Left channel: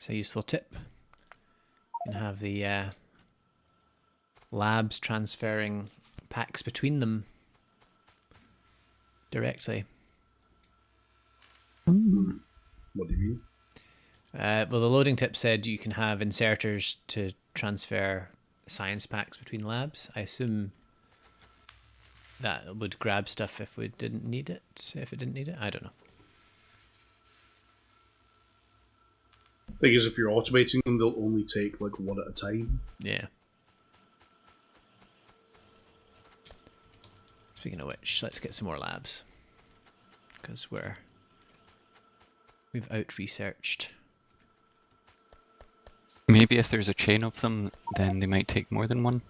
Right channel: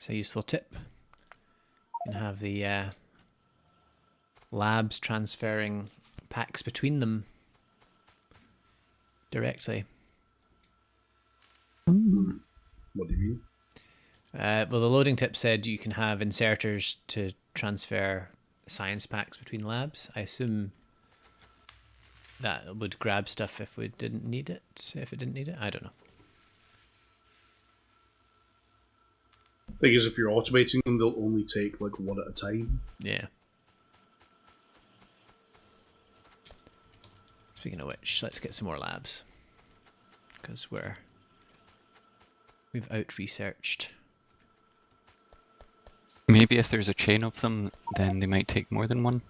It's a useful tip. You can have the labs transferring packs between them directly. What do you mean? Well, the loading tip said you can have inserters to transfer science packs between labs. I assume that would grab stuff if we didn't need it. If it didn't need it, I don't know. Thing is, if you're automating them, they'll only take like one at a time. Yeah. Speaking of which, let's get some more labs because we've out-researched. Maybe if there's a chain of them, then they might take more than one.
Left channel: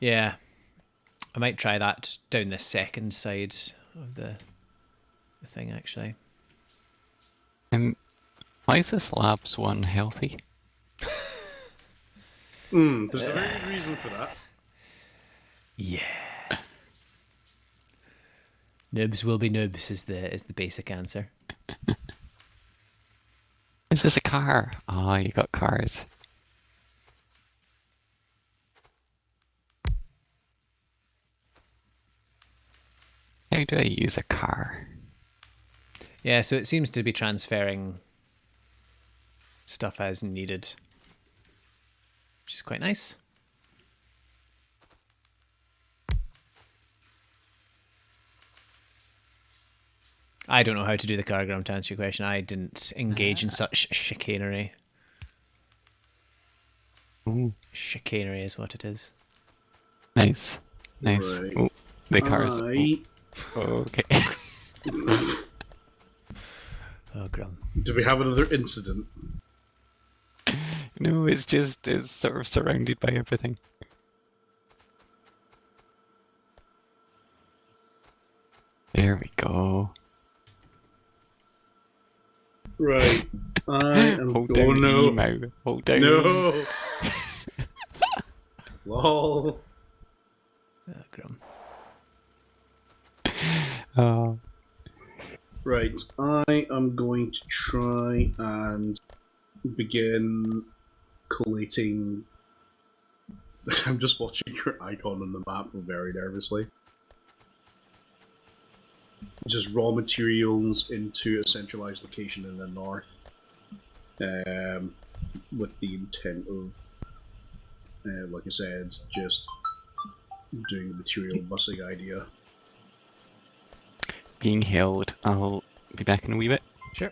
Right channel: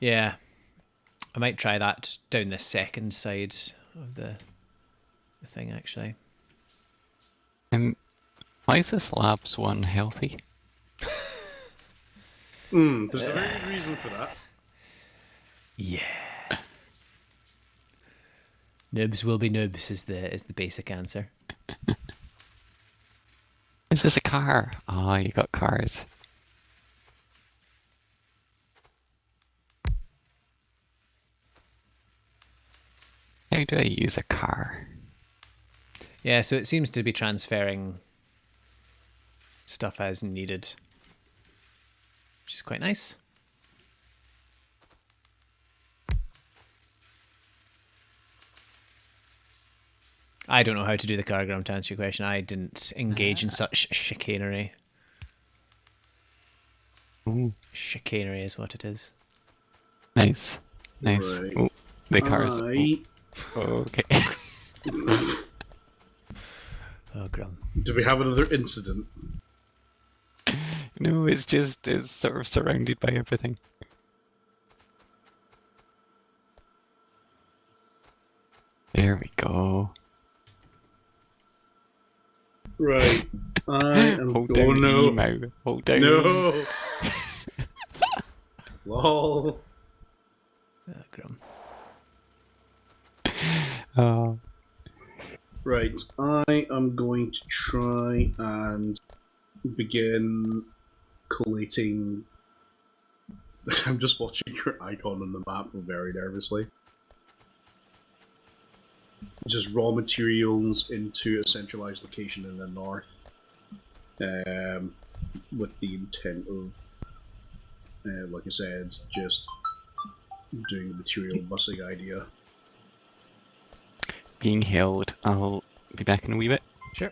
Yeah, I might try that down the second side of the thing actually. Why is this labs one healthy? There's a very good reason for that. Yeah. Noobs will be noobs is the basic answer. Is this a car? Oh, you got cars. How do I use a car? Yeah, so it seems to be transferring stuff as needed, which is quite nice. I don't know how to do the cargogram to answer your question. I didn't engage in such chicanery. Ooh, Chicanery is what it is. nice. Nice. Right. Oh, the cars. Okay. Oh, grum. Do we have another incident? No, it's sort of surrounded by everything. There we go. Right. I am Hold going down no. E, Mau. Hold down E. No. Lol. Oh, grum. Oh. Right. I am going to try and begin collating. I'm just watching your icon on the map very nervously. Just raw materials into a centralized location in the north, with the intent of, like I said, just doing the material busing idea. Being held. I'll be back in a wee bit. Sure.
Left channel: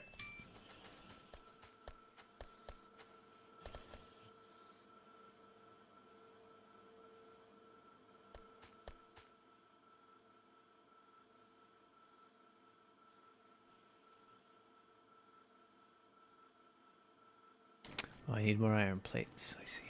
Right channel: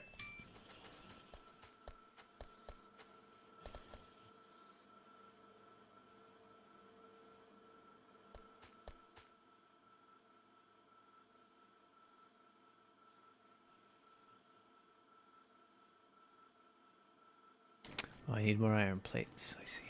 Oh, I need more iron plates, I see.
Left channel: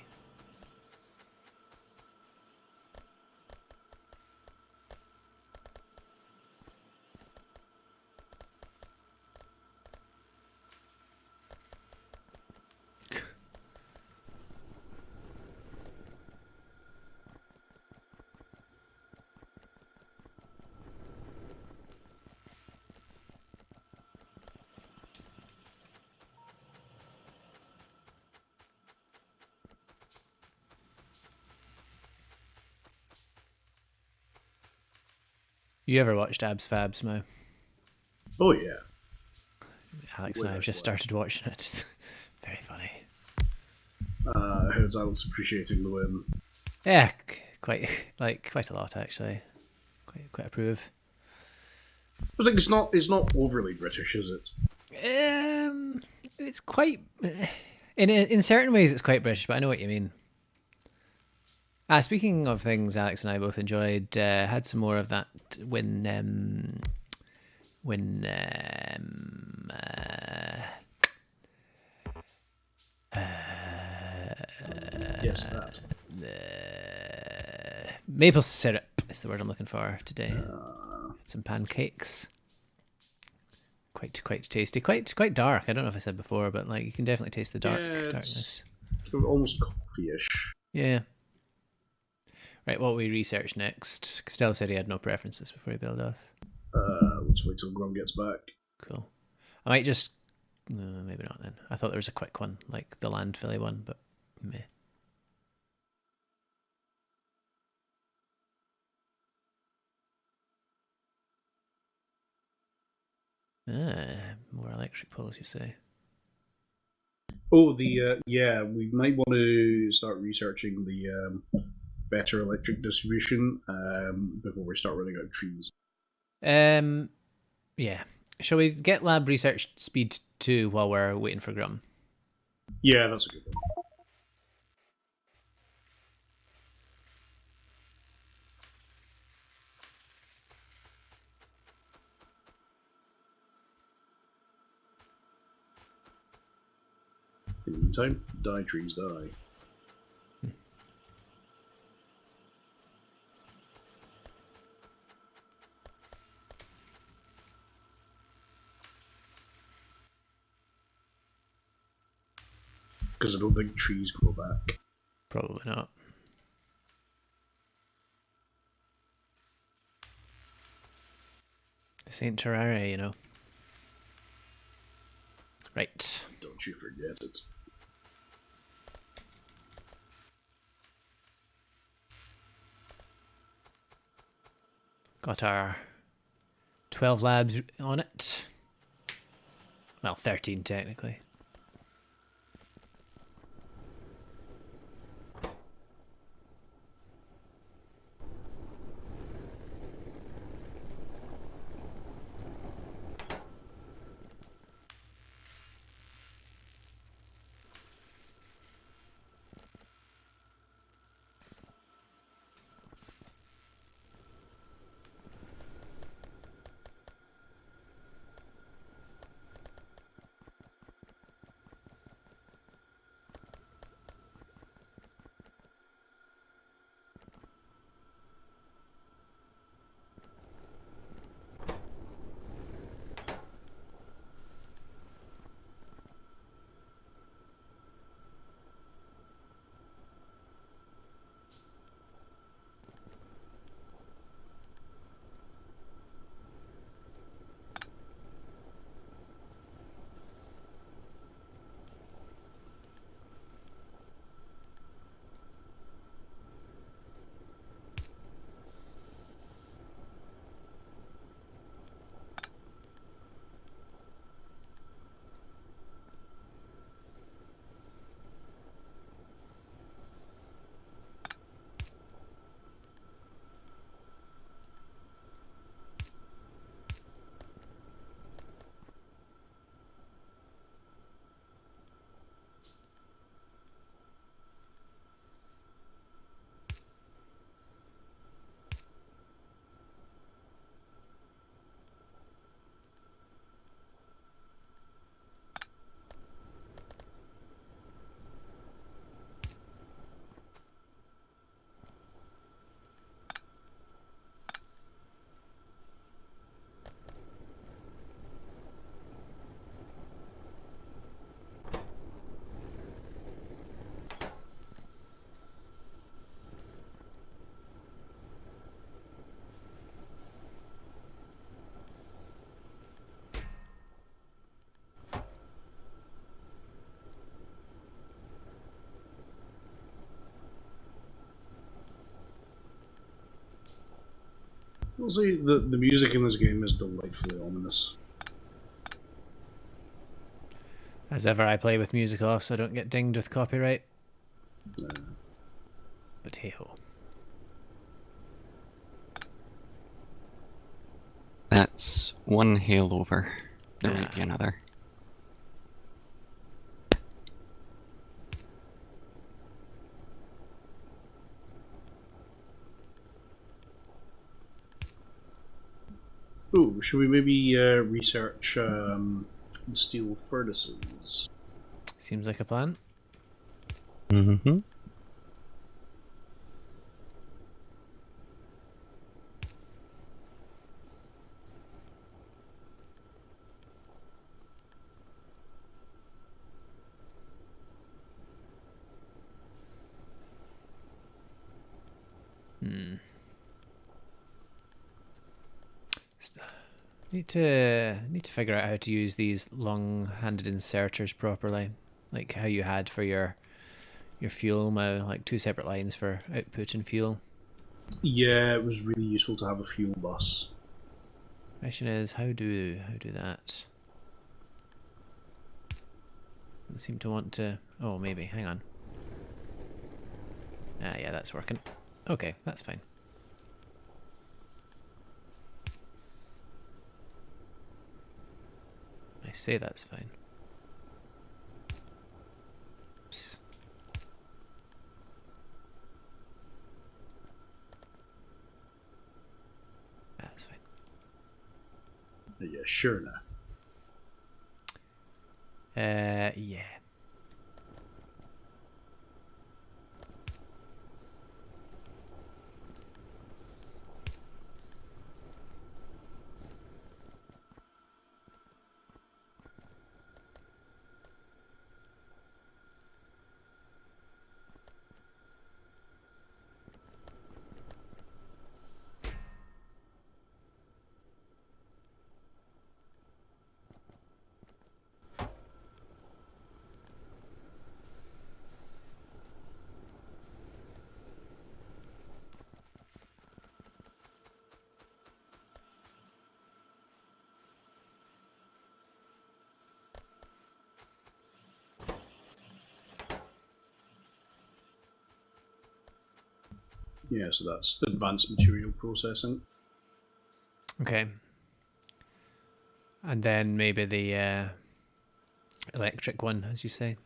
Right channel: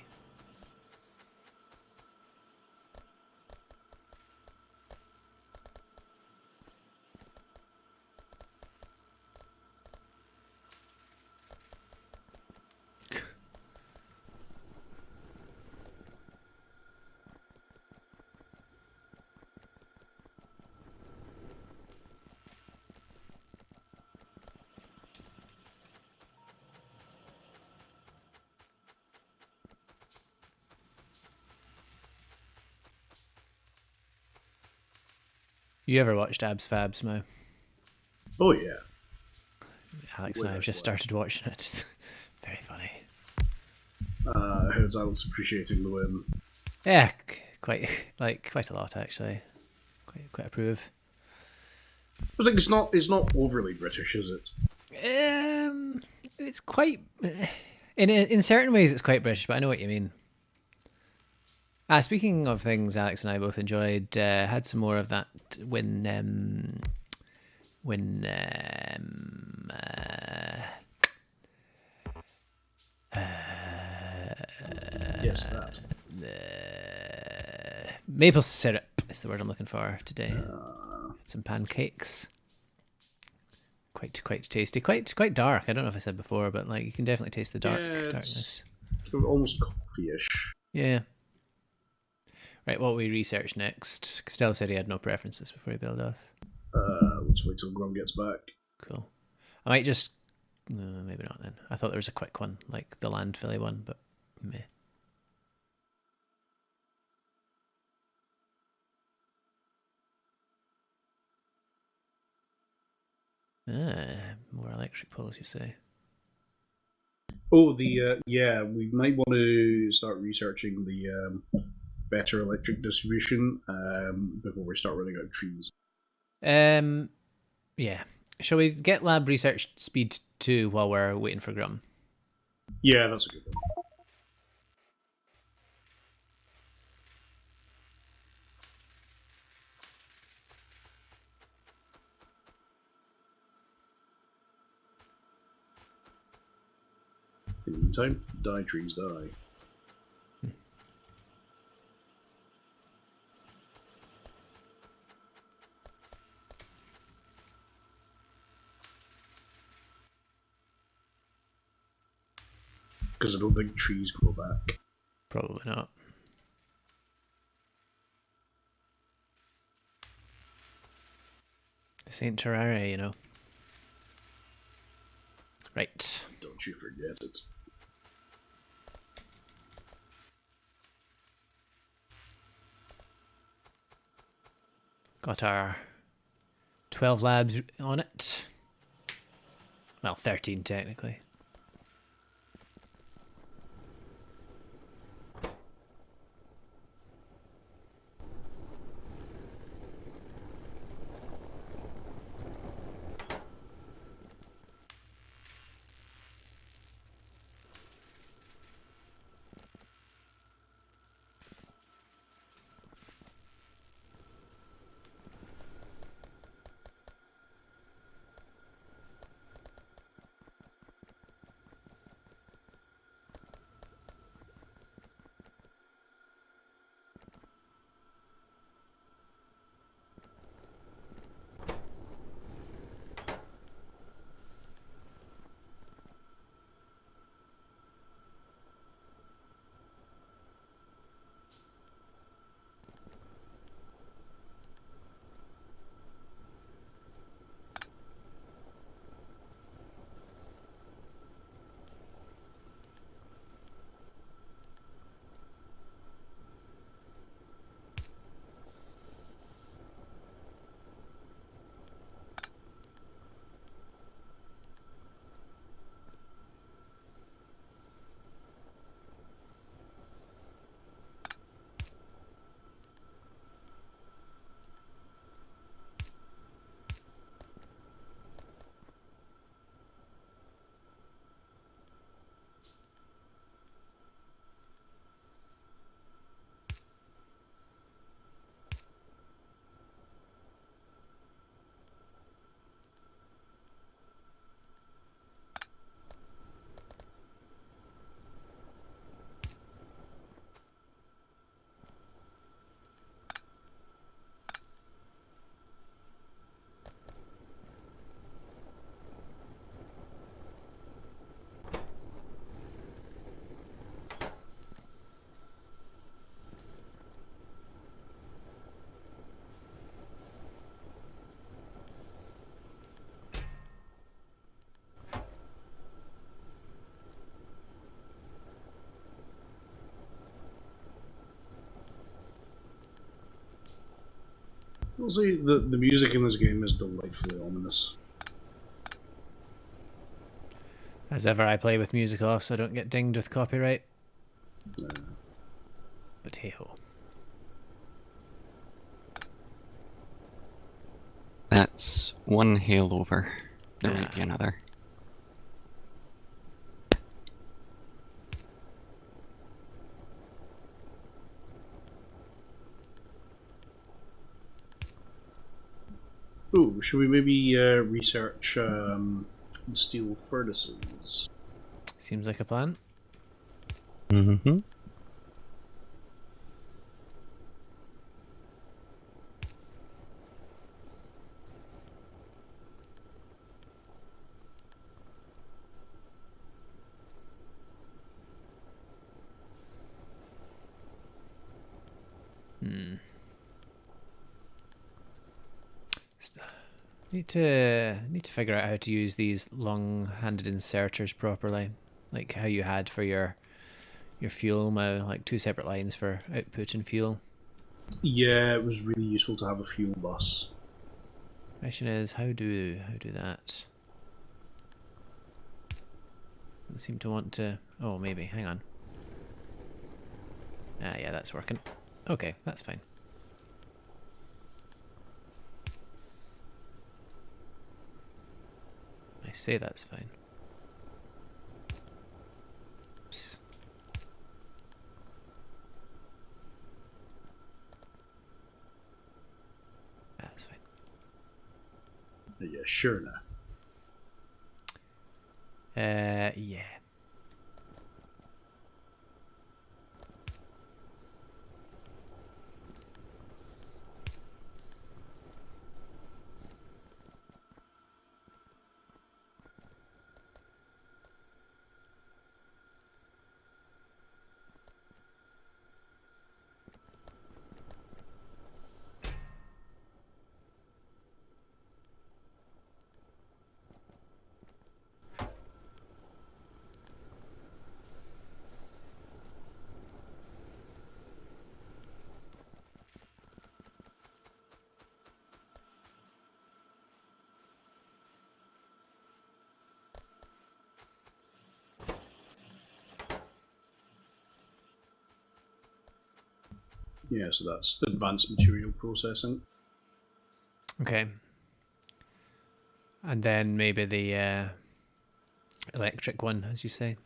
You ever watched Abs Fabs, Mo? Oh yeah. Alex and I have just started watching it. Very funny. How's Alex appreciating the win? Yeah, quite a lot actually. Quite approve. I think it's not overly British, is it? It's quite in certain ways it's quite British, but I know what you mean. Speaking of things Alex and I both enjoyed, had some more of that when Yes, that. Maple syrup is the word I'm looking for today. Had some pancakes. Quite tasty. Quite dark. I don't know if I said before, but like you can definitely taste the darkness. Almost coffee-ish. Yeah. Right, what we research next? Costello said he had no preferences before he built off. Let's wait till Grum gets back. Cool. I might just No, maybe not then. I thought there was a quick one, like the landfilly one, but meh. More electric poles, you say? Oh, yeah, we might want to start researching the better electric distribution before we start running out of trees. Yeah. Shall we get lab research speed 2 while we're waiting for Grum? Yeah, that's a good one. In the meantime, die trees, die. Because I don't think trees grow back. Probably not. This ain't Terraria, you know. Right. Don't you forget it. Got our 12 labs on it. Well, 13 technically. I'll say the music in this game is delightfully ominous. As ever, I play with music off so I don't get dinged with copyright. But hey ho. That's one hail over. There might be another. Ooh, should we maybe research steel furnaces? Seems like a plan. Mm-hmm. Need to figure out how to use these long-handed inserters properly, like how you had for your fuel now, like 2 separate lines for output and fuel. Yeah, it was really useful to have a fuel bus. Question is how do that? Doesn't seem to want to. Oh, maybe. Hang on. Ah, yeah, that's working. Okay, that's fine. I say that's fine. Oops. That's fine. Yeah, sure now. Yeah. Yeah, so that's advanced material processing. Okay. And then maybe the electric one, as you say.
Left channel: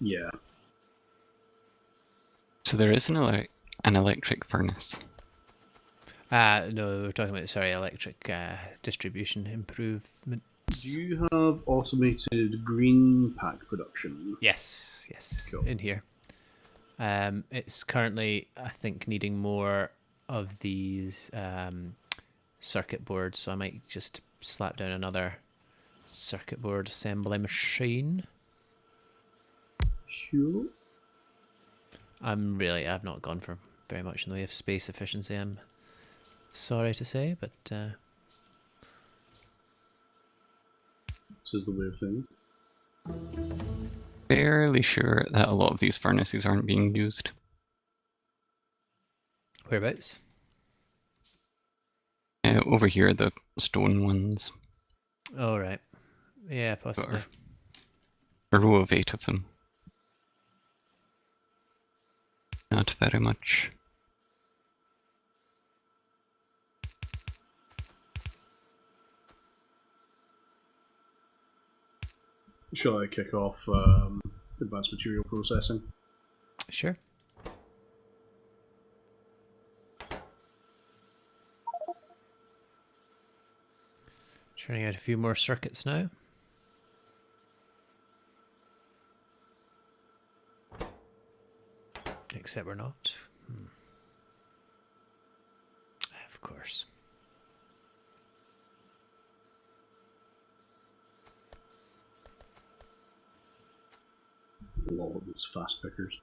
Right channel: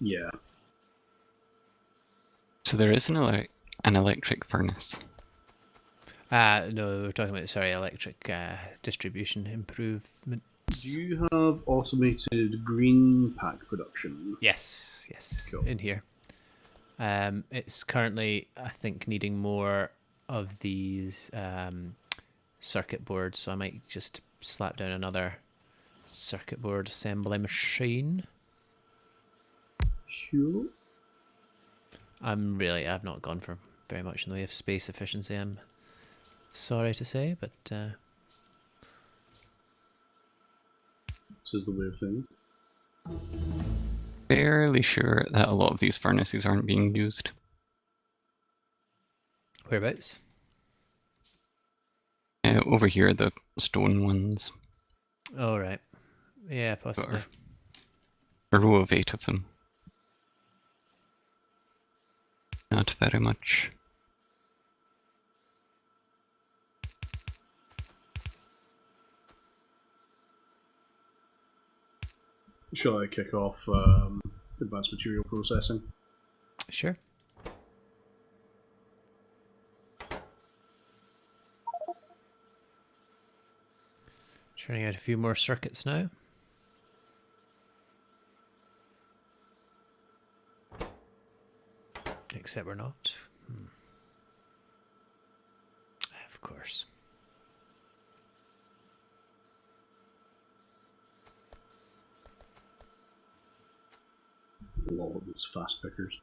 Yeah. So there is an electric furnace. No, we're talking about, sorry, electric distribution improvement. Do you have automated green pack production? Yes, Cool. in here. It's currently, I think, needing more of these circuit boards, so I might just slap down another circuit board assembly machine. Sure. I've not gone for very much in the way of space efficiency, I'm sorry to say, but This is the way of things. Fairly sure that a lot of these furnaces aren't being used. whereabouts? Over here, the stone ones. Oh, right. Yeah, possibly. A row of 8 of them. Not very much. Shall I kick off advanced material processing? Sure. Churning out a few more circuits now. Except we're not. Of course. A lot of these fast pickers.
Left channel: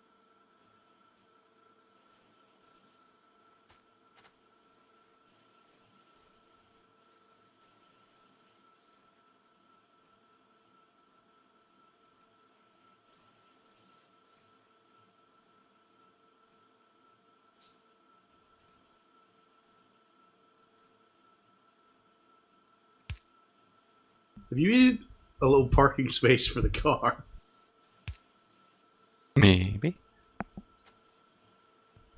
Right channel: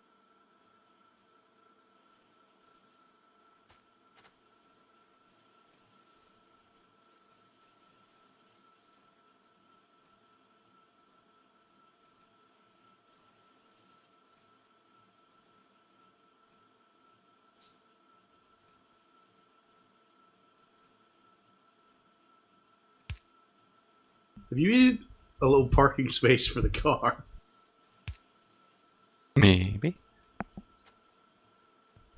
Have you made a little parking space for the car? Maybe.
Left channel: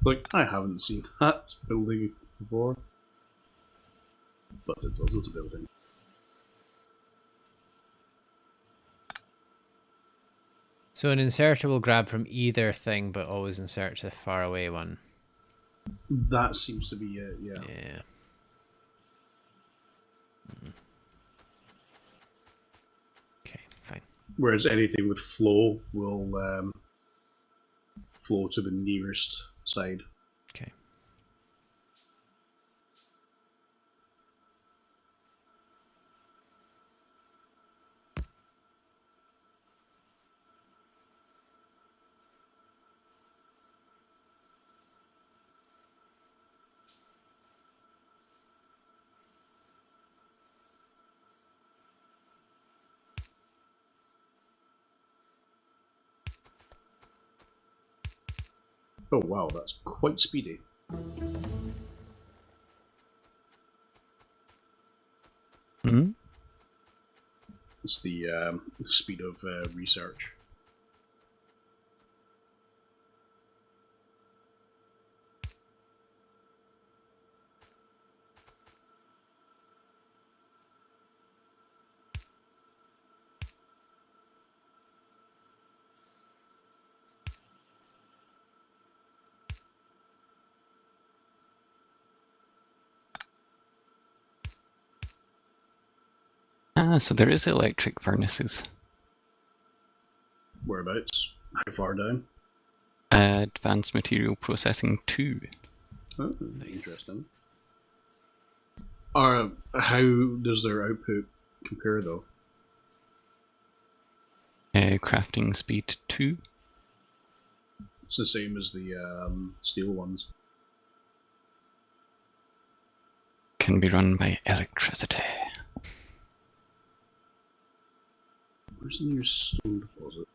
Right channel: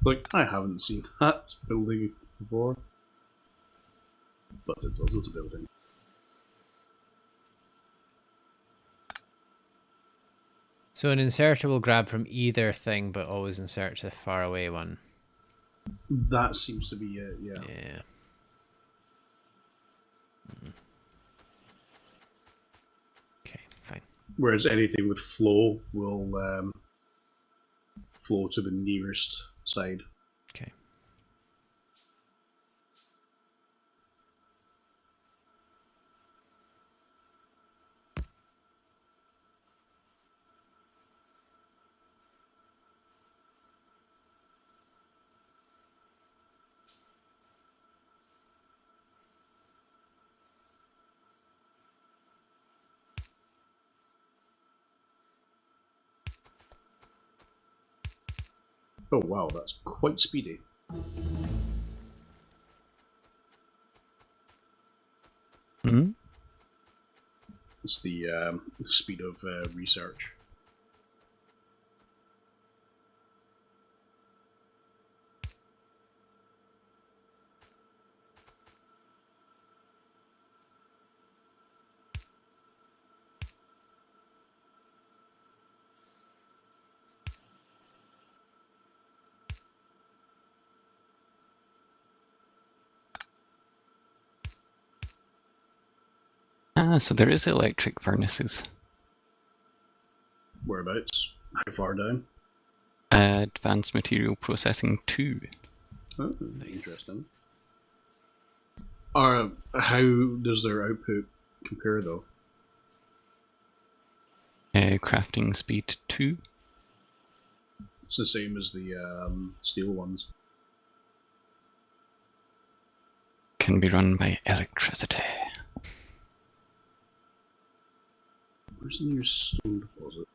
Like, I haven't seen that building before. But it wasn't a building. So an inserter will grab from either thing, but always insert to the far away one. That seems to be it, yeah. Yeah. Okay, fine. Whereas anything with flow will flow to the nearest side. Okay. Oh wow, that's quite speedy. Hmm? It's the speed of research. Ah, so there is electric furnaces. Whereabouts? How far down? Advanced Material Processing 2. Oh, Nice. interesting. How does their output compare, though? Crafting Speed 2. It's the same as the steel ones. Can be run by electricity. Where's the nearest stone deposit?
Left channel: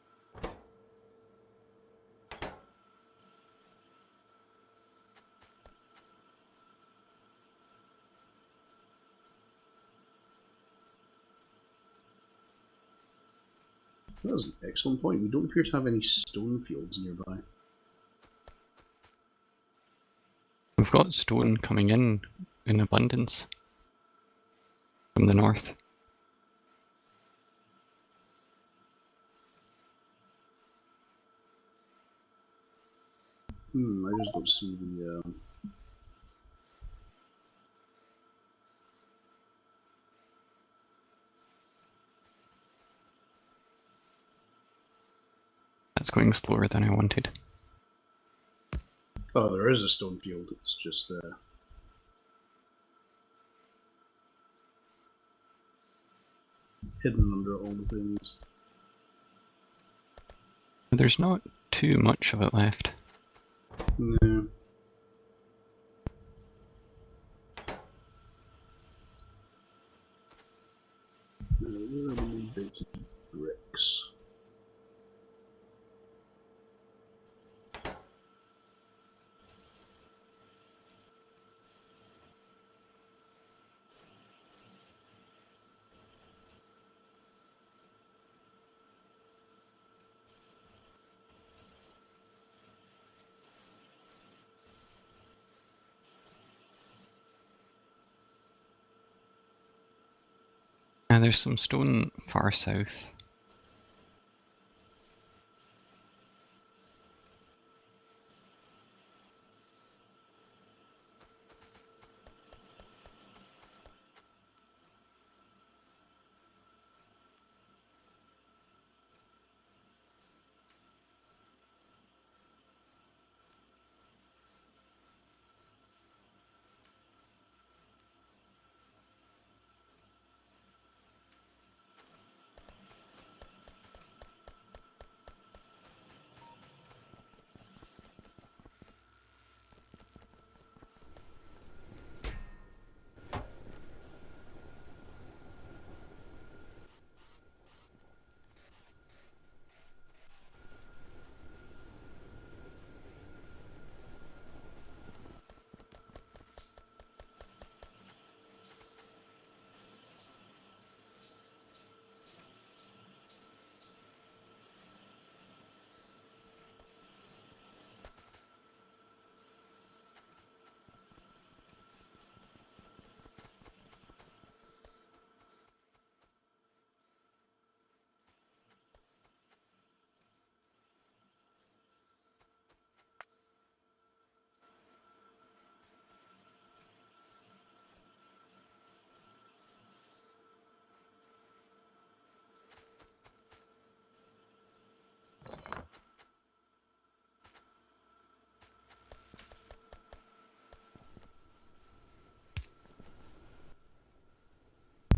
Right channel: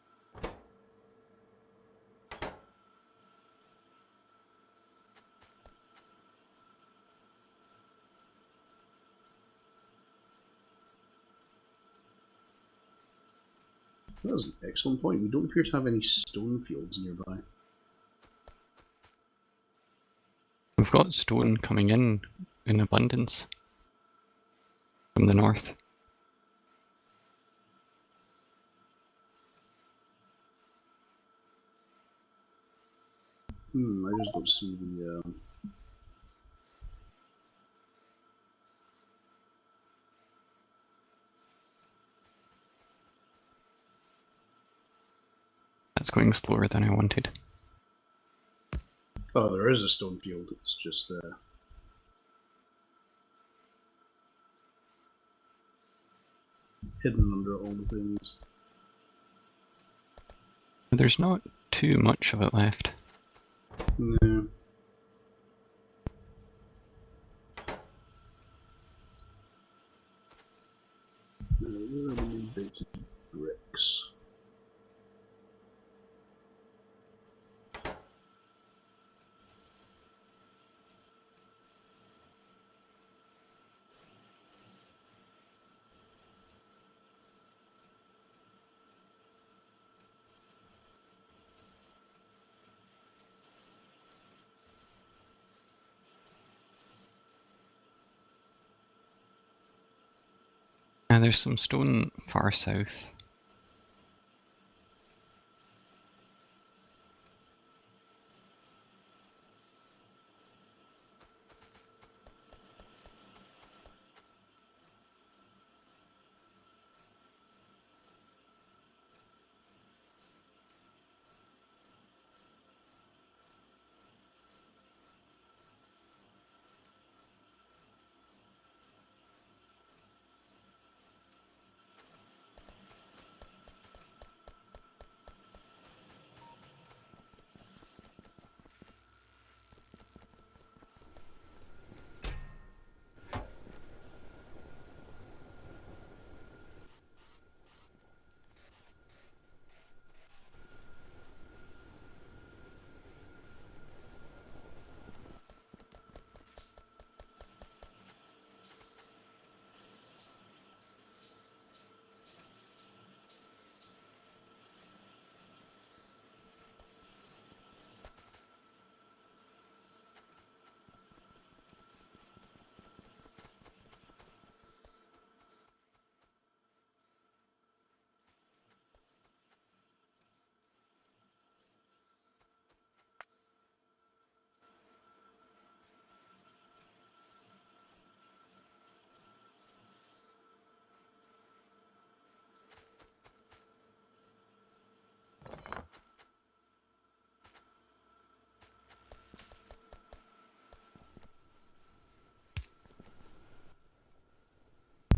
That was an excellent point. We don't appear to have any stone fields nearby. We've got stone coming in abundance from the north. I just don't see the. That's going slower than I wanted. Oh, there is a stone field. It's just hidden under all the things. There's not too much of it left. No. Where are the basic bricks? There's some stone far south.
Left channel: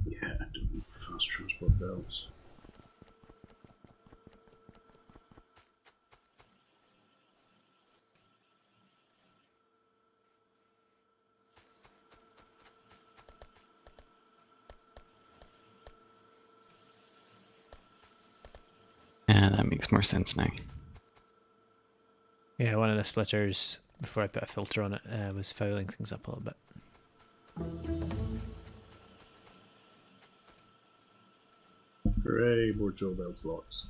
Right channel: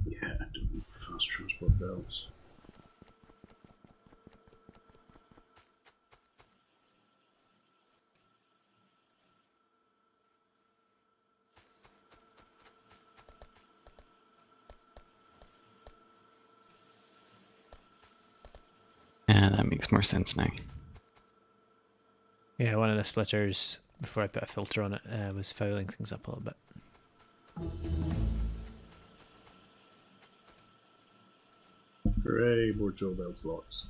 Yeah, I don't need fast transport belts. Yeah, that makes more sense now. Yeah, one of the splitters, before I put a filter on it, was fouling things up a little bit. Hooray, more drill belts lots.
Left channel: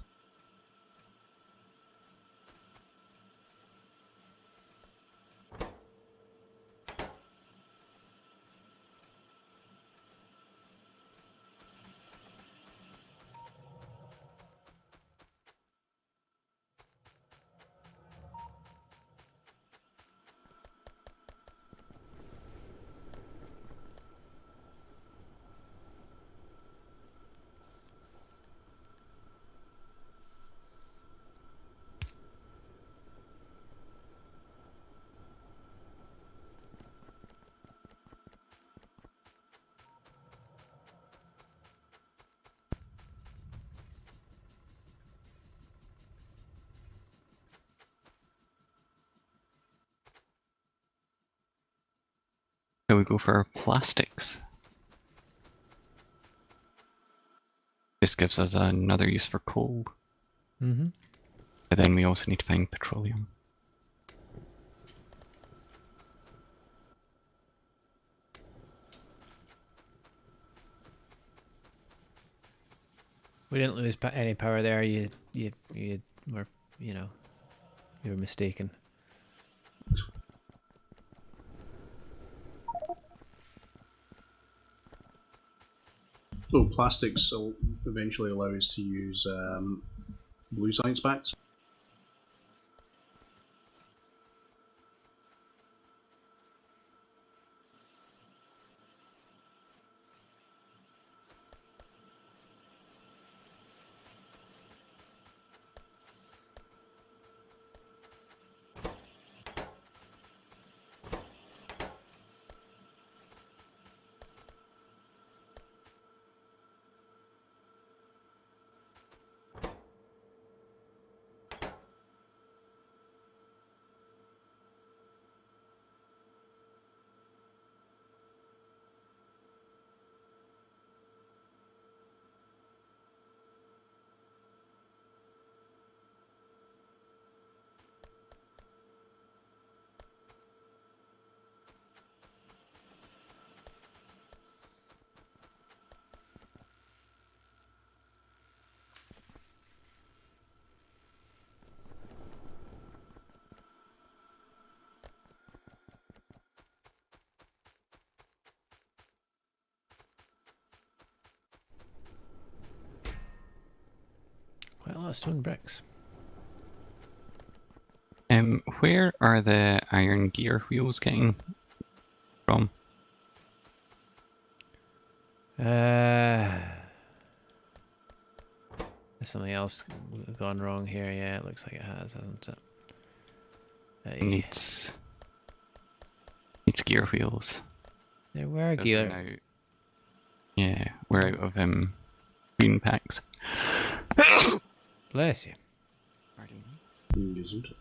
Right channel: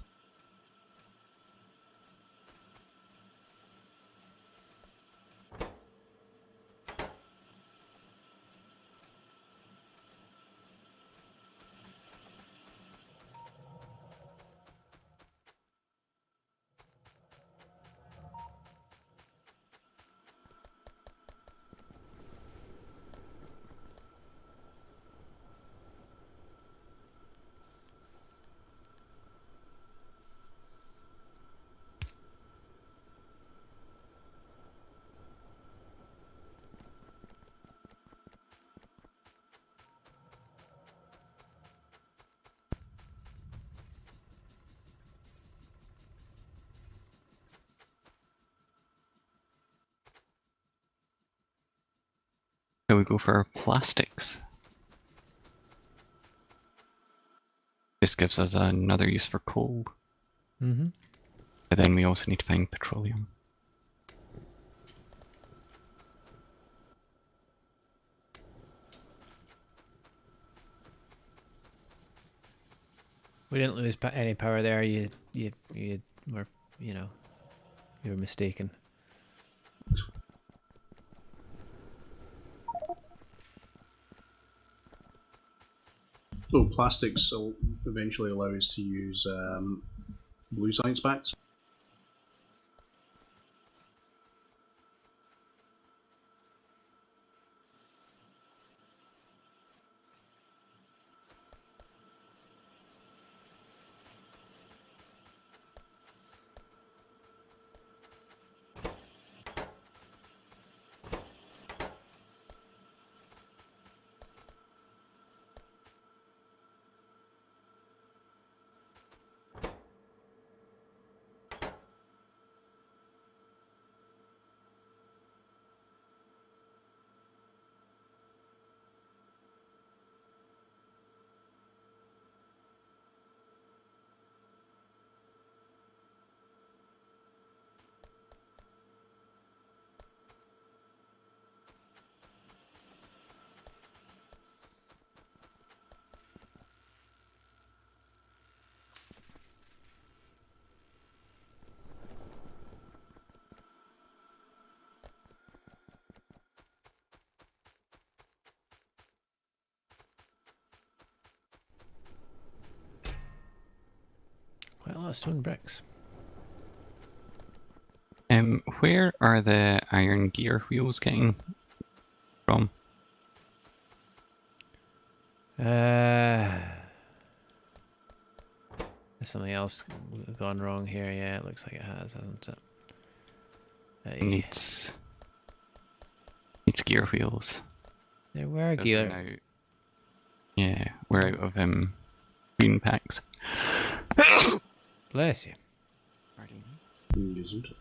So we go for plastics. This gives us another use for coal. Mm-hmm. But then we also need to find petroleum. We didn't lose any power there. You were, you know, you were mistaken. So plastics will eventually allow us to use blue science packs. Quite a lot of stone bricks. Where are the iron gear wheels getting from? There's something else gone wrong here. Yeah, it looks like it has, hasn't it? Needs gear wheels. There were Because we're gear. now- yeah, we're out of green packs. Bless you. Pardon me. Isn't it?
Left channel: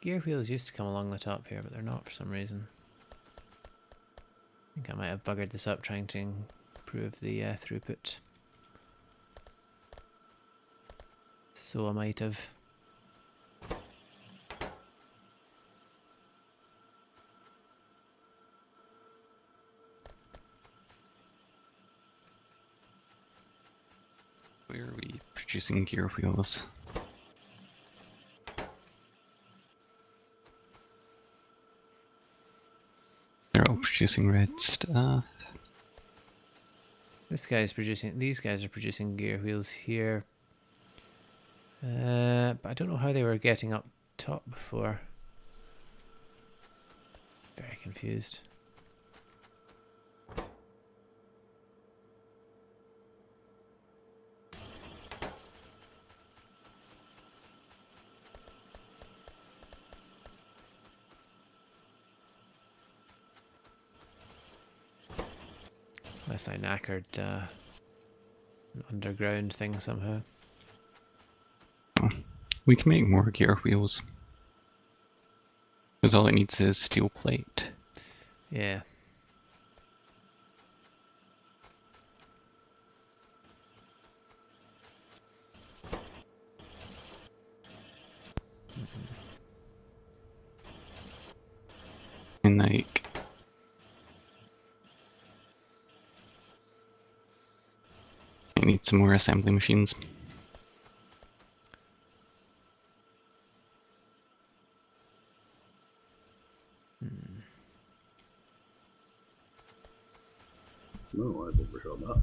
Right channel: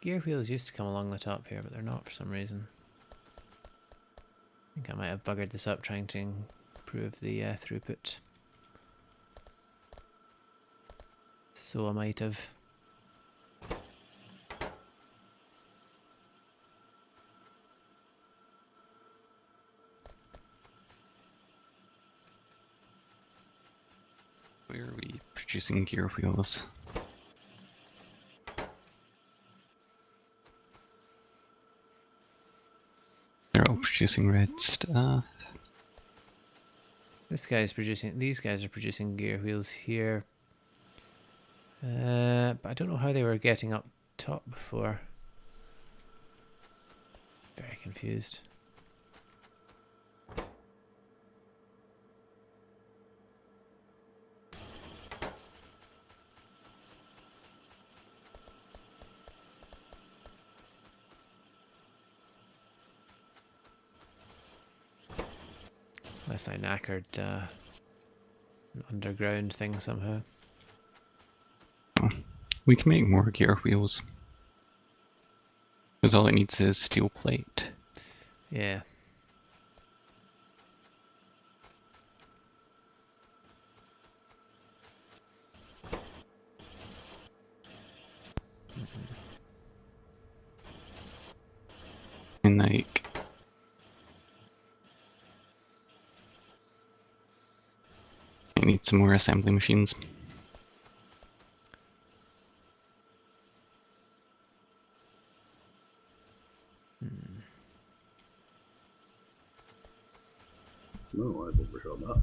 Gear wheels used to come along the top here, but they're not for some reason. I think I might have buggered this up trying to improve the throughput. So I might have. Where are we producing gear wheels? They're all producing red stuff. This guy's producing. These guys are producing gear wheels here. But I don't know how they were getting up top before. Very confused. Unless I knackered an underground thing somehow. We can make more gear wheels. Because all it needs is steel plate. Yeah. And like, I need some more assembly machines. No, I've overshot that.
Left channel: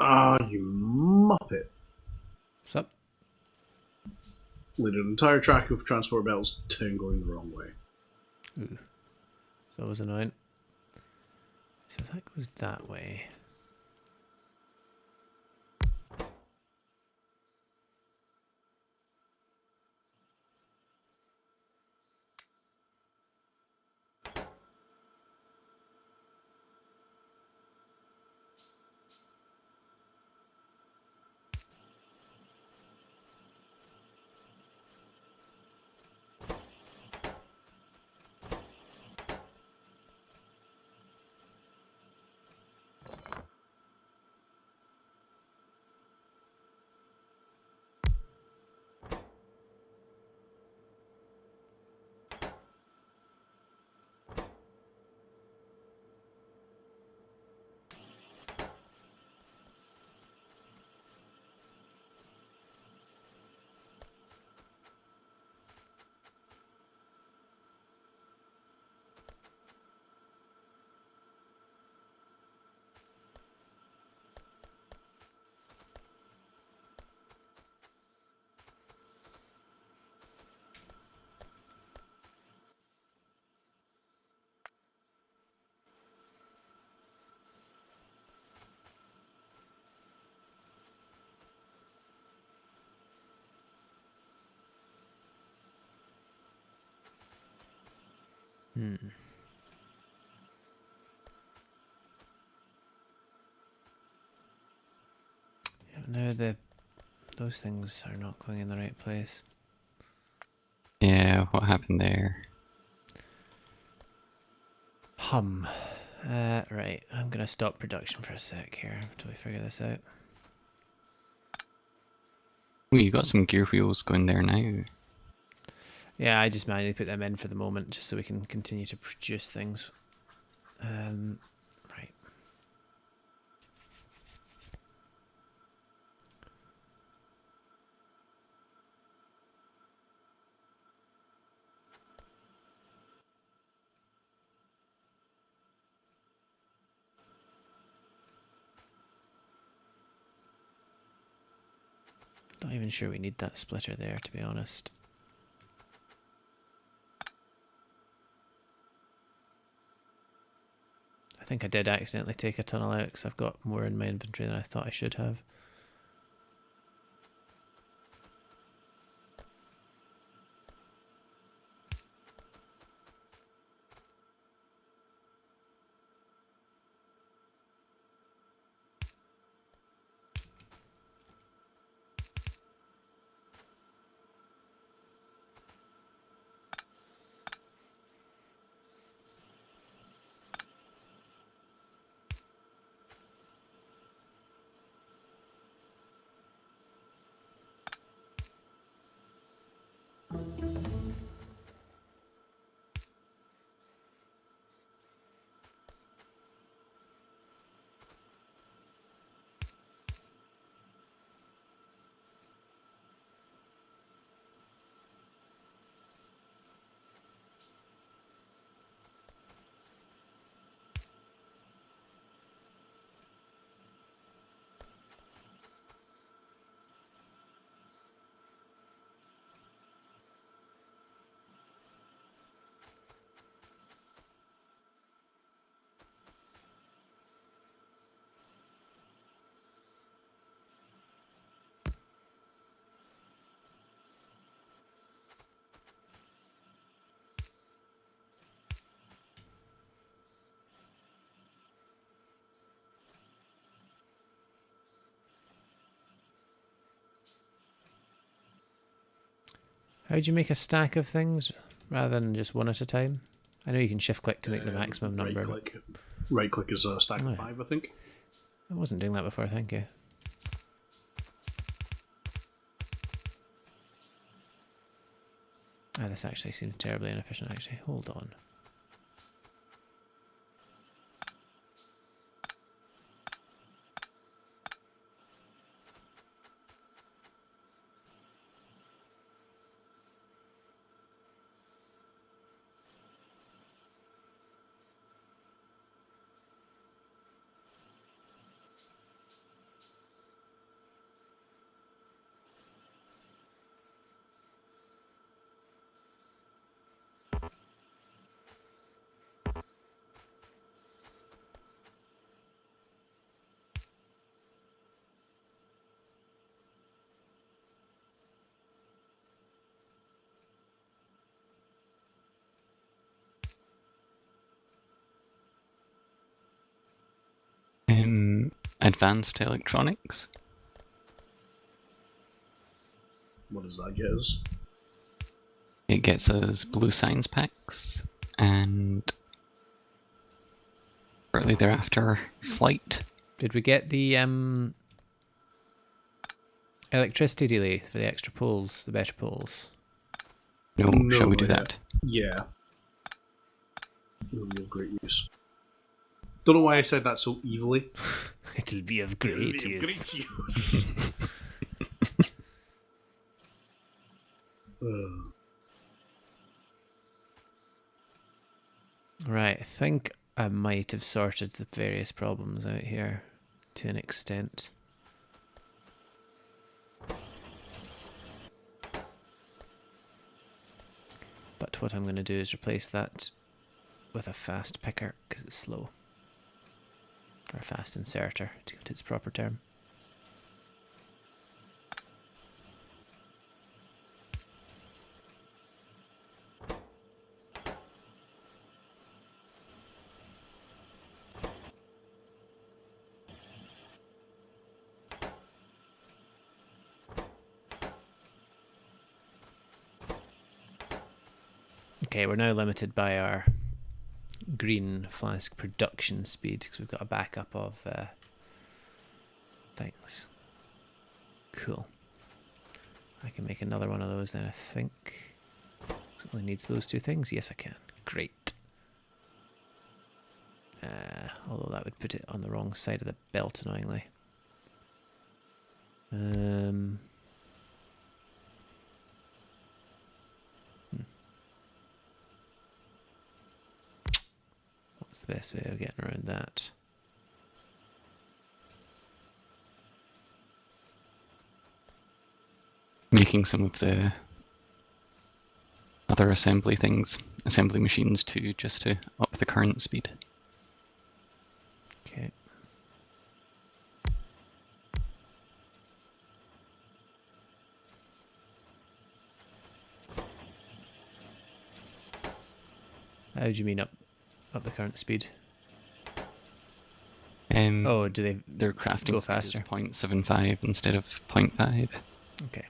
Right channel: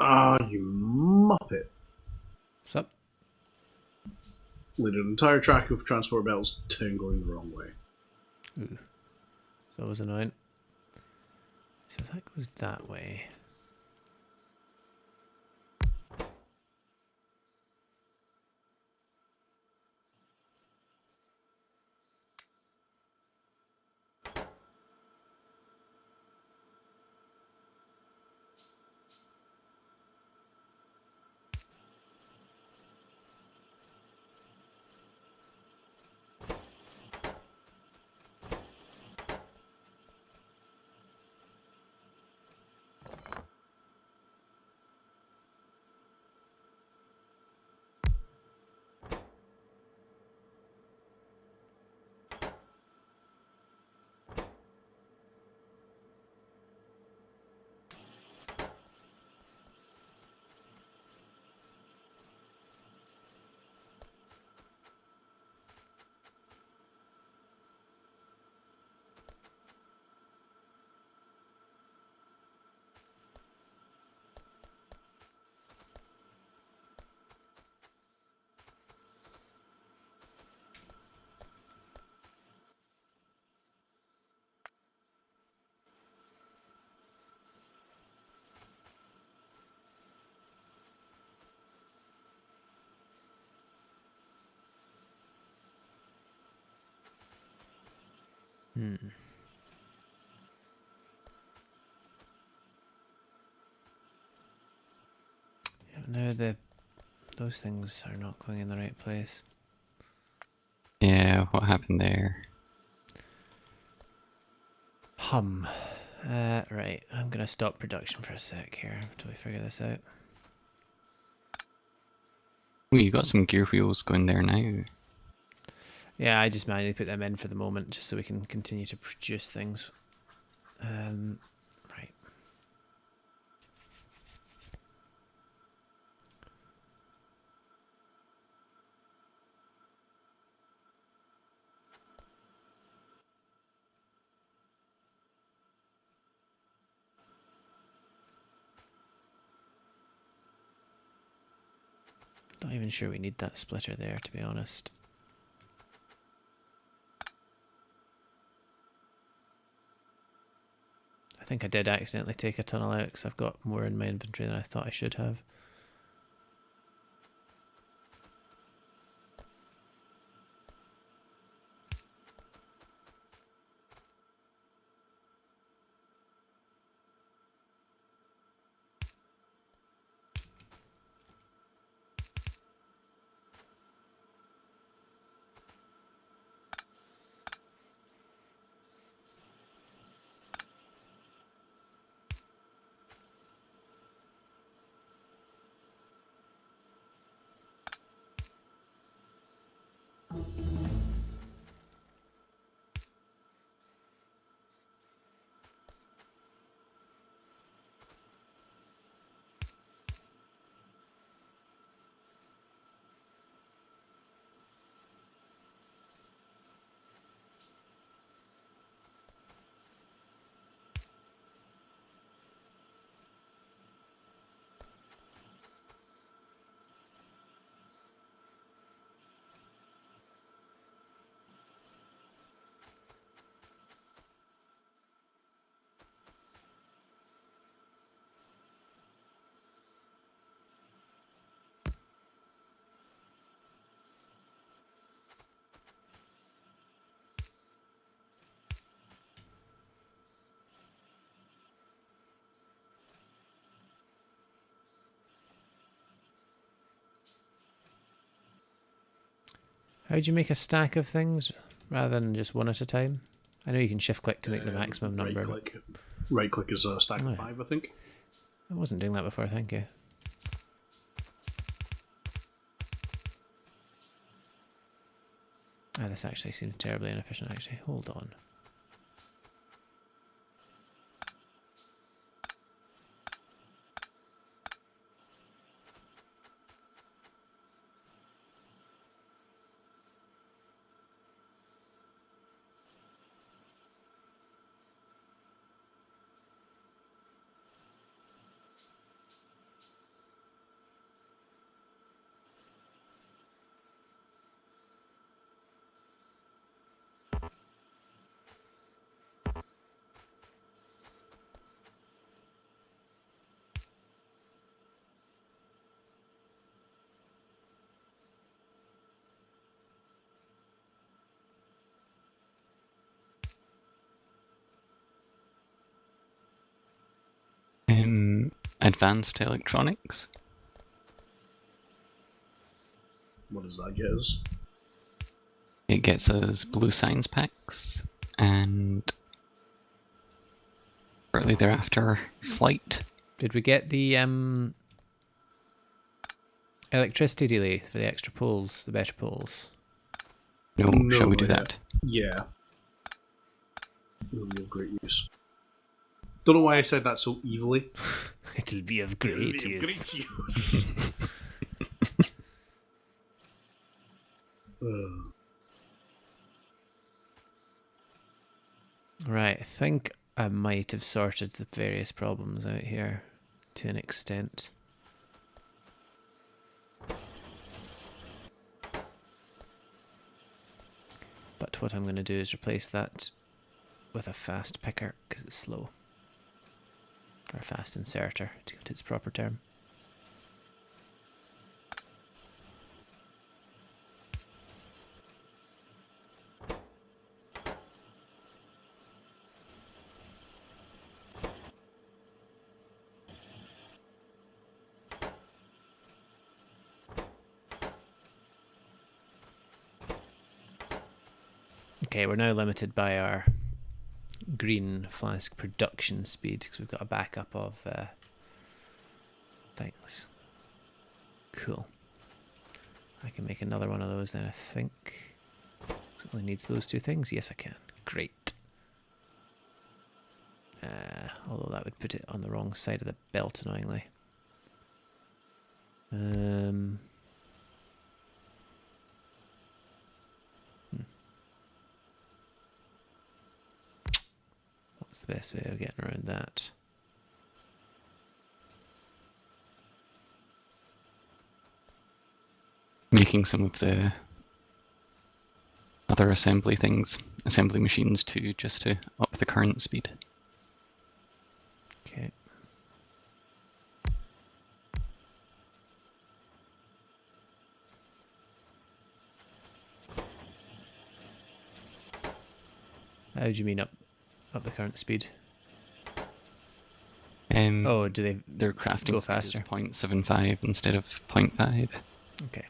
Ah, you muppet. What's up? Lead an entire track of transport belts, 10 going the wrong way. Ooh. So that was annoying. So that goes that way. Yeah, now those things are not going in the right place. Yeah, what happened there? Right, I'm gonna stop production for a sec here until we figure this out. Oh, you got some gear wheels going there now. Yeah, I just manually put them in for the moment just so we can continue to produce things. Right. Not even sure we need that splitter there, to be honest. I think I did accidentally take a tunnel out because I've got more in my inventory than I thought I should have. How do you make a stack of things rather than just one at a time? I know you can shift click to make the maximum Right number. click. Right click is a stack Oh, of yeah. 5, I think. I wasn't doing that before, thank you. Ah, this actually seems terribly inefficient, actually. Hold on. Advanced electronics. What does that get us? It gets us blue science packs, and shortly thereafter, flight. Did we get the electricity delay for the extra poles, the better poles? No, shall we not do yet. that? Yeah. It'll be of great use. Don't know why I said that so evilly. It'll be of It'll great be of use. great use. Uh, Right, I think I might have sorted the various problems out here to an extent. But what I'm going to do is replace that with a fast picker because it's slow. Or a fast inserter, to give it its proper term. Okay, we're now limited by our green flask production speed because we've got a backup of things. Cool. I can make another one of those then, I think. It only needs those two things. Yes, I can. Great. Although that would put it on the wrong side of the belt, annoyingly. What's the best way of getting around that? Making some of the other assembly machines too, just to up the current speed. Okay. How do you mean up the current speed? Oh, do they Their crafting go speed faster? is 0.75 instead of 0.5. Okay.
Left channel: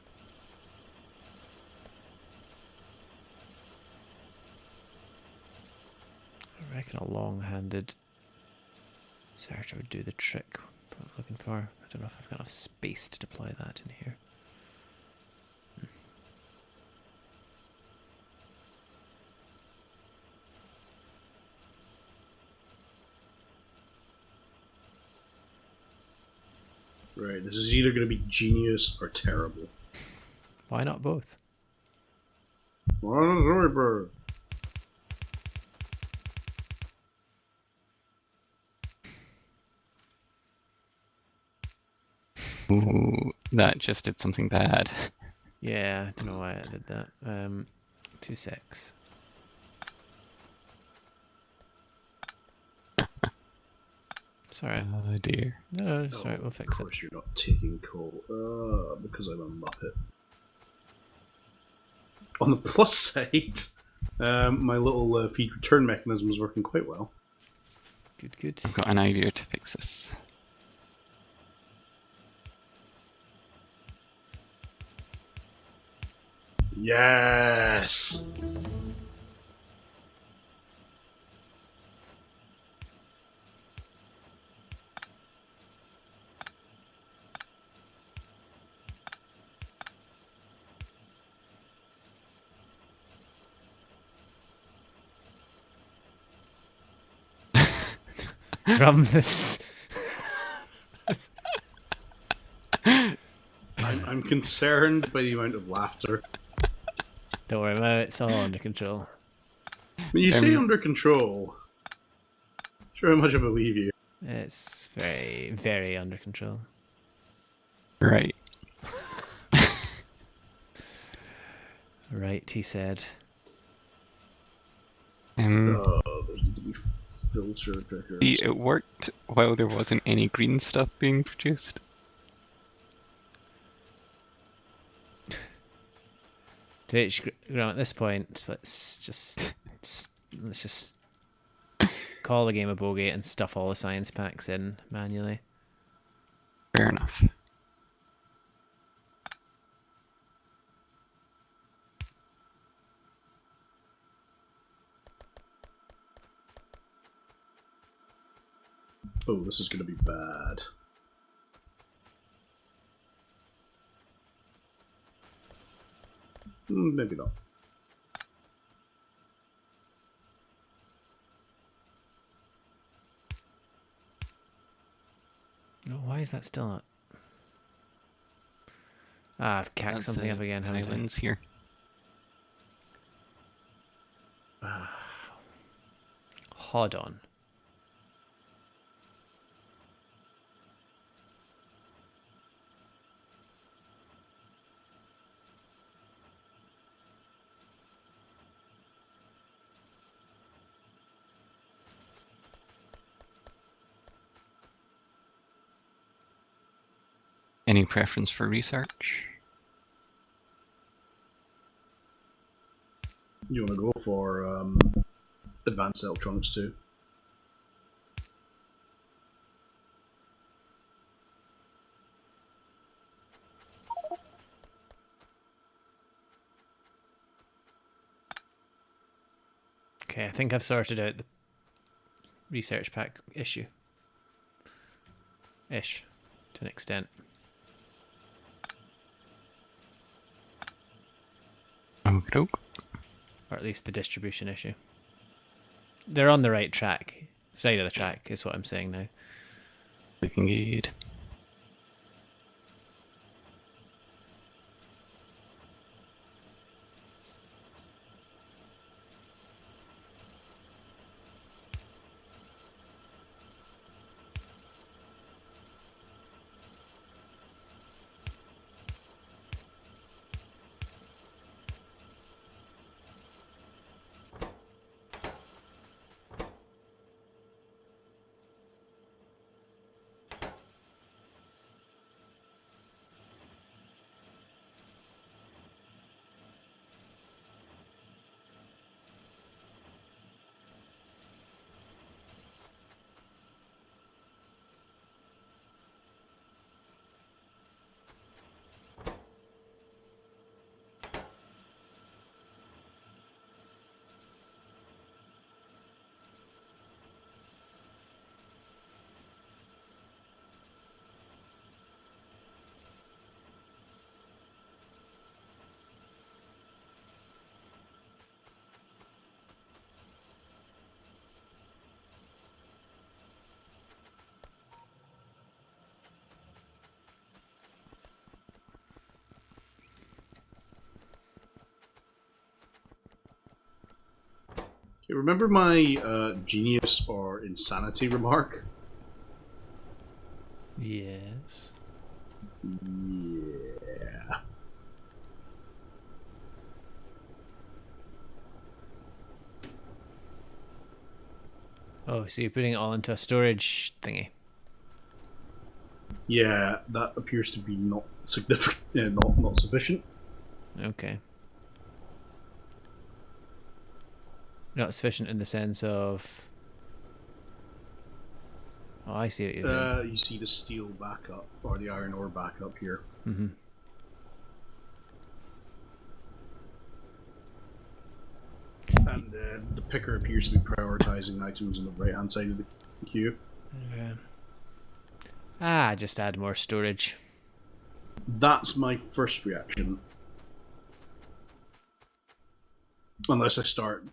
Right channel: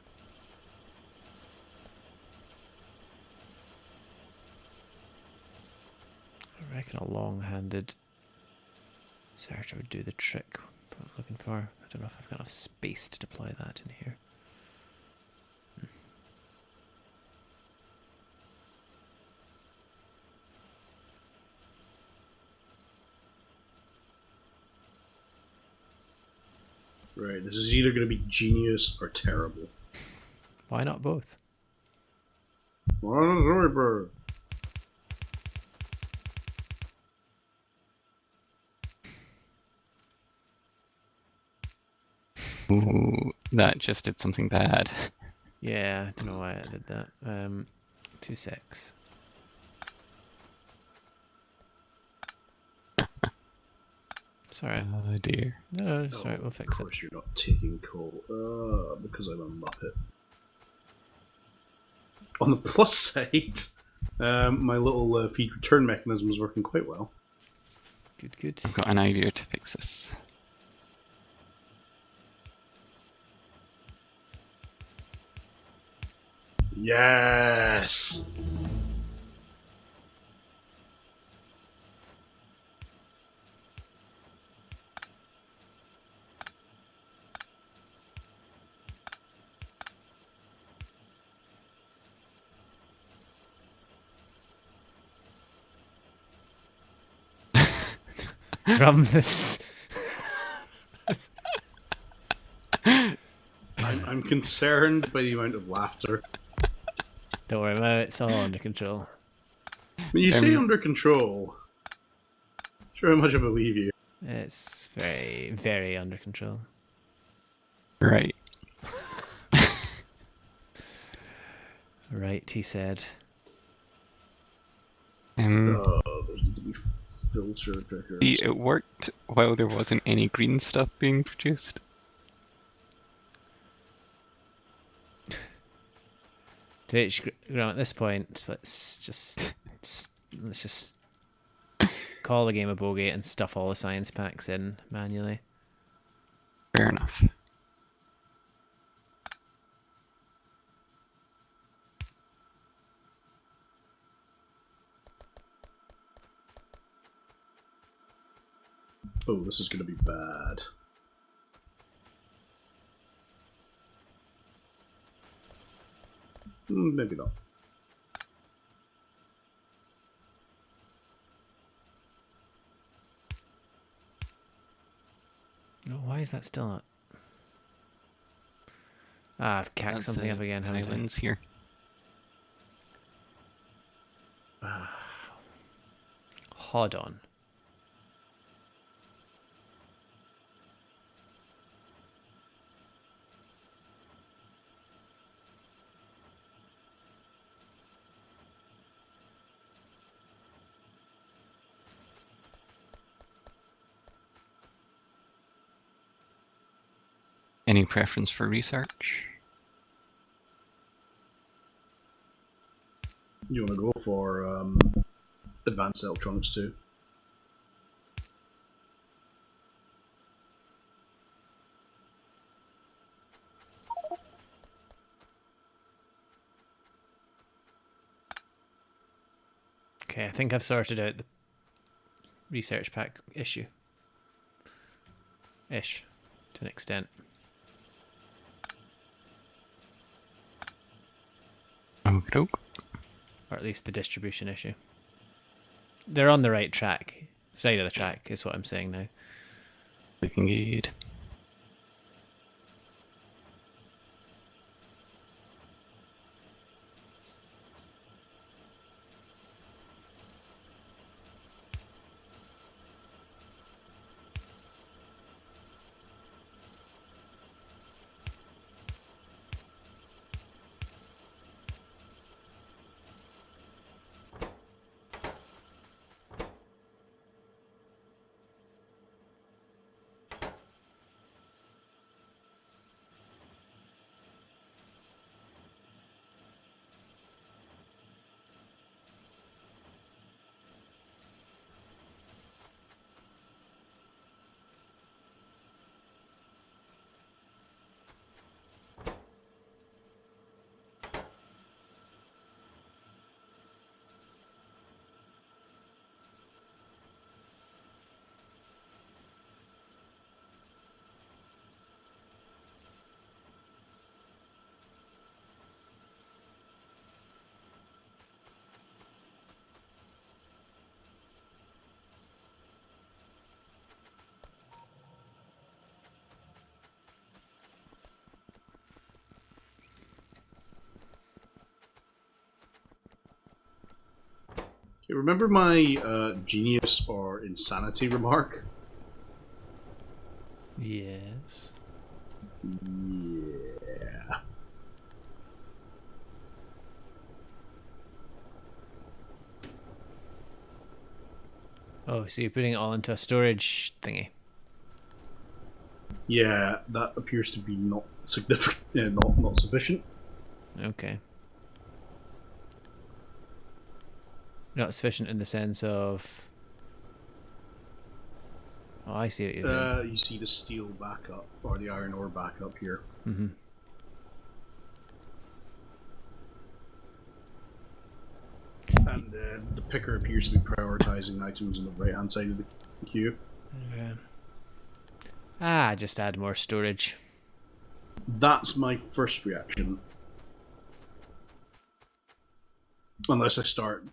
I reckon a long-handed inserter would do the trick. What I'm looking for. I don't know if I've got enough space to deploy that in here. right, this is either going to be genius or terrible. Why not both? Bird. Ooh, that just did something bad. Yeah, I don't know why I did that. 2 secs. Sorry. Oh dear. No, it's alright, we'll fix Of it. course you're not taking coal. Because I'm a muppet. On the plus side, my little feed return mechanism is working quite well. Good, good. I've got an idea to fix this. Yes! From this. I'm concerned by the amount of laughter. Don't worry about it, it's all under control. When you say under control, sure how much I believe you. It's very, very under control. Right. Right, he said. Those need to be filter pickers. See, it worked while there wasn't any green stuff being produced. Graham, at this point, let's just call the game a bogey and stuff all the science packs in manually. Fair enough. Oh, this is going to be bad. Maybe not. No, why is that still not? Ah, I've cacked something up again, haven't I? Islands here. Hold on. Any preference for research? You want to go for advanced electronics too? Okay, I think I've sorted out the research pack issue. Ish, to an extent. Okey-doke. Or at least the distribution issue. They're on the right track. Side of the track is what I'm saying now. Looking good. Okay, remember my genius or insanity remark? Yes. Yeah. Oh, so you're putting it all into a storage thingy. Yeah, that appears to be not significant, not sufficient. Okay. Not sufficient in the sense of... Oh, I see what you're doing. You see the steel backup, or the iron ore backup here. Mm-hmm. And the picker appears to be prioritizing items on the right-hand side of the queue. Okay. Ah, just add more storage. That's my first reaction. Unless I start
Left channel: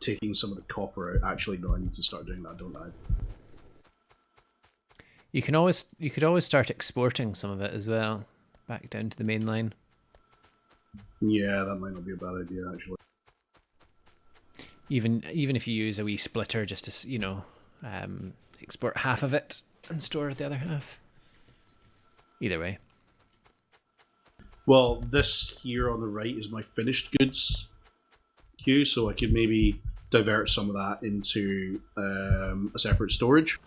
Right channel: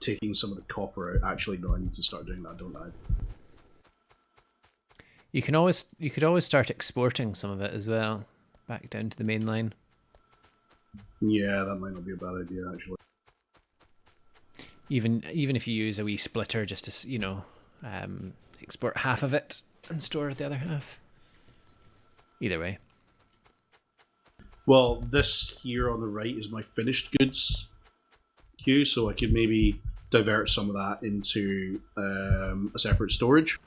taking some of the copper out. Actually, no, I need to start doing that, don't I? You could always start exporting some of it as well, back down to the main line. Yeah, that might not be a bad idea actually. Even if you use a wee splitter just to export half of it and store the other half. Either way. Well, this here on the right is my finished goods queue, so I could maybe divert some of that into a separate storage.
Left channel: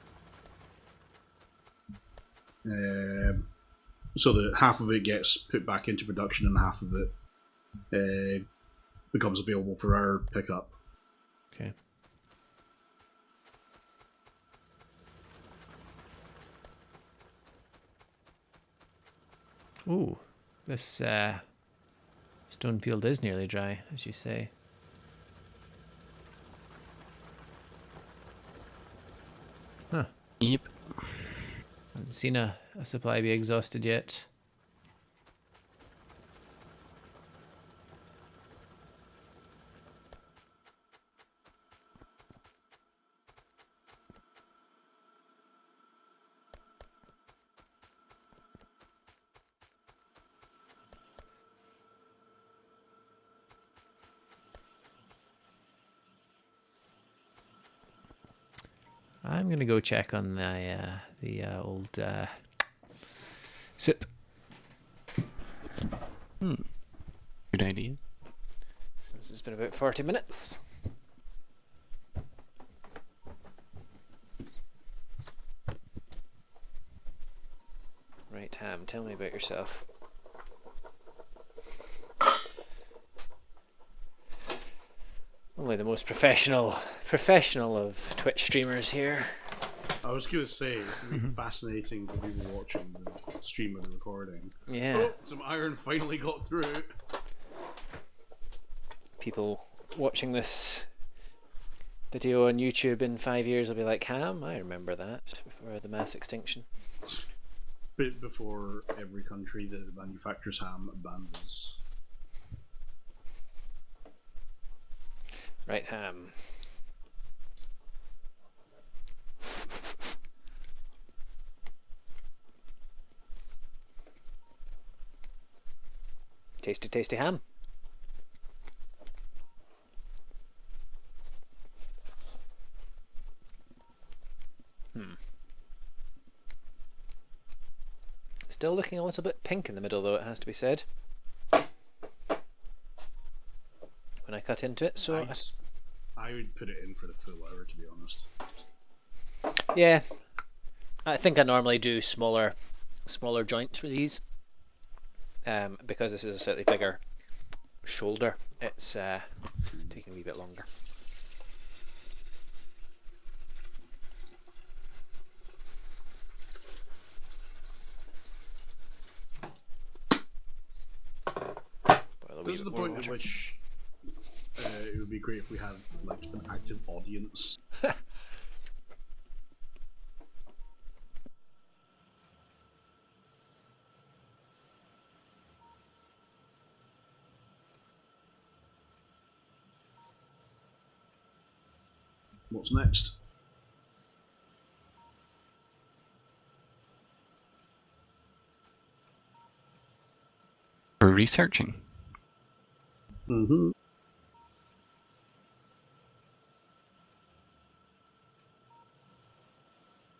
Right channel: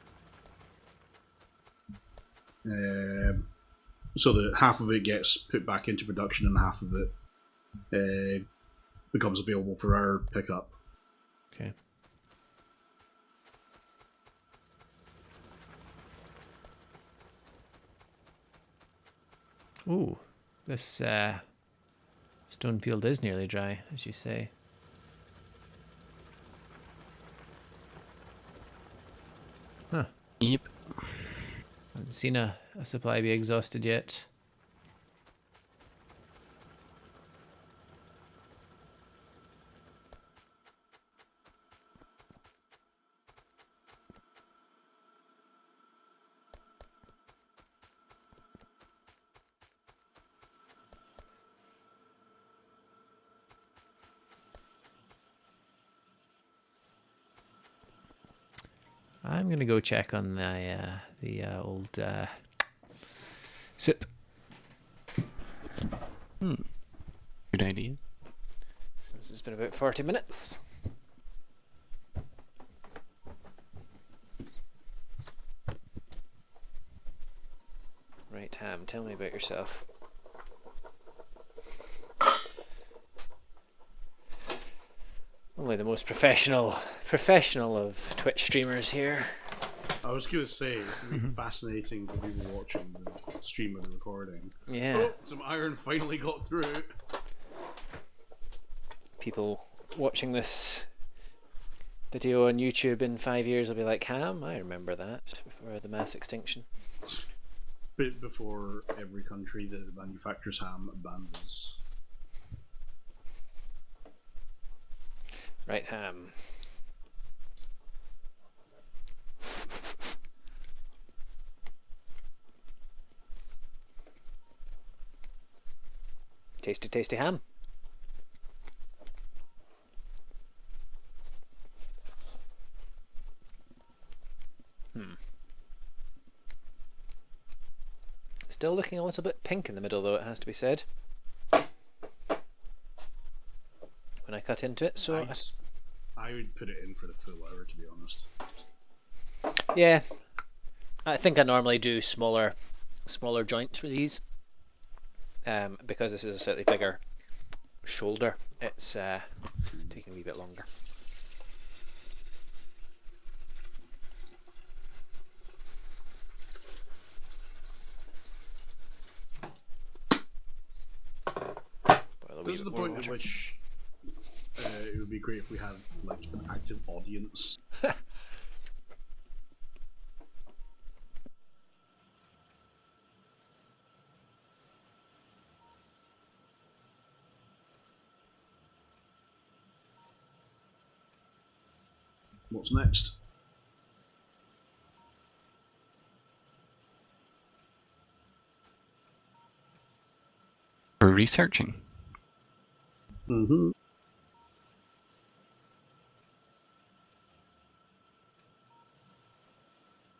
So that half of it gets put back into production and half of it becomes available for our pickup. Okay. Ooh, this stone field is nearly dry, as you say. Huh. Yep. Haven't seen a supply be exhausted yet. I'm gonna go check on the old soup. Good idea. Since it's been about 40 minutes. Right, Ham, tell me about yourself. Only the most professional of Twitch streamers here. I was going to say, it's going to be fascinating for people watching the stream of the recording. Yeah. Oh, some iron finally got through. People watching this video on YouTube in 5 years will be like, Ham, I remember that, before the mass extinction. Bit before every country that manufactures ham abandons. Right, Ham. Tasty, tasty ham. Still looking a little bit pink in the middle, though, it has to be said. When I cut into it, so I would put it in for the full hour, to be honest. yeah, I think I normally do smaller joints for these, because this is a slightly bigger shoulder. It's taking a wee bit longer. This is the point at which it would be great if we had like an active audience. What's next? For researching. Mm-hmm.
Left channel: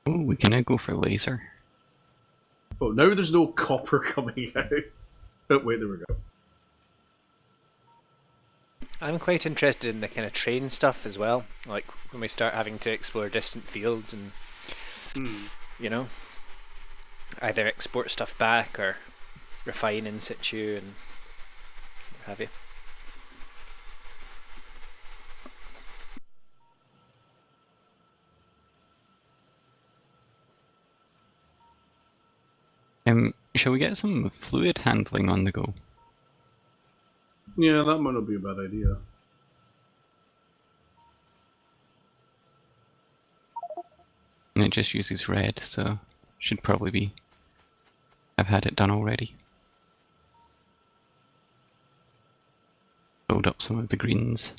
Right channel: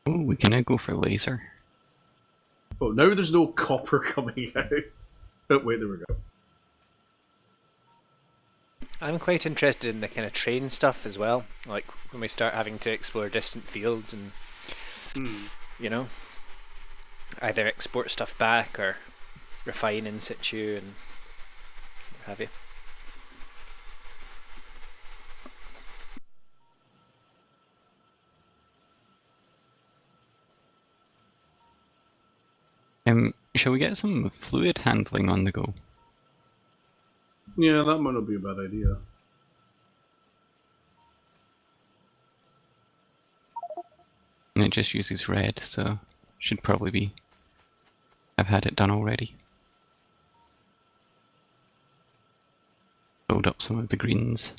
Oh, we can now go for laser. Oh, now there's no copper coming out. Oh, wait, there we go. I'm quite interested in the kind of train stuff as well, like when we start having to explore distant fields and, you know, either export stuff back or refine in situ and what have you. Shall we get some fluid handling on the go? Yeah, that might not be a bad idea. And it just uses red, so should probably be. I've had it done already. Build up some of the greens.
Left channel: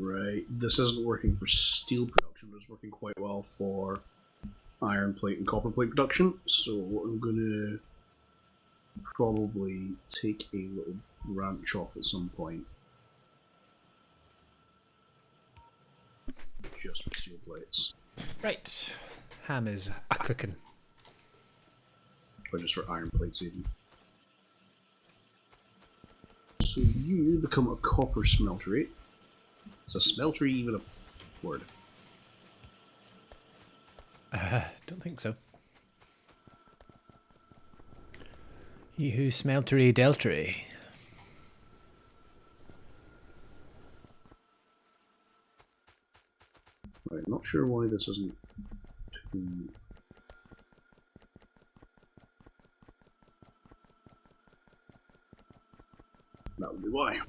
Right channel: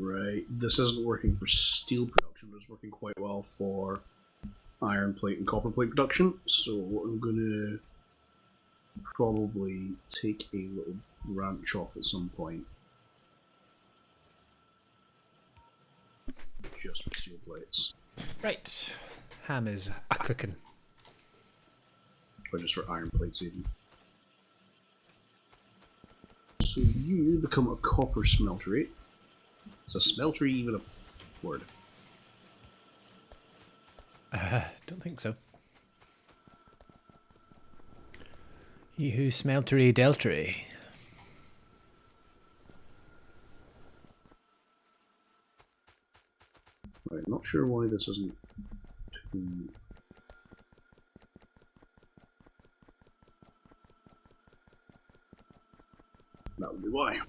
Right, this isn't working for steel production, but it's working quite well for iron plate and copper plate production, so I'm gonna probably take a little branch off at some point. Just for steel plates. Right. Ham is a cooking. Or just for iron plates even. So you become a copper smeltery. Is a smeltery even a word? Don't think so. He who smeltery deltery. Right, not sure why this isn't too... That would be why.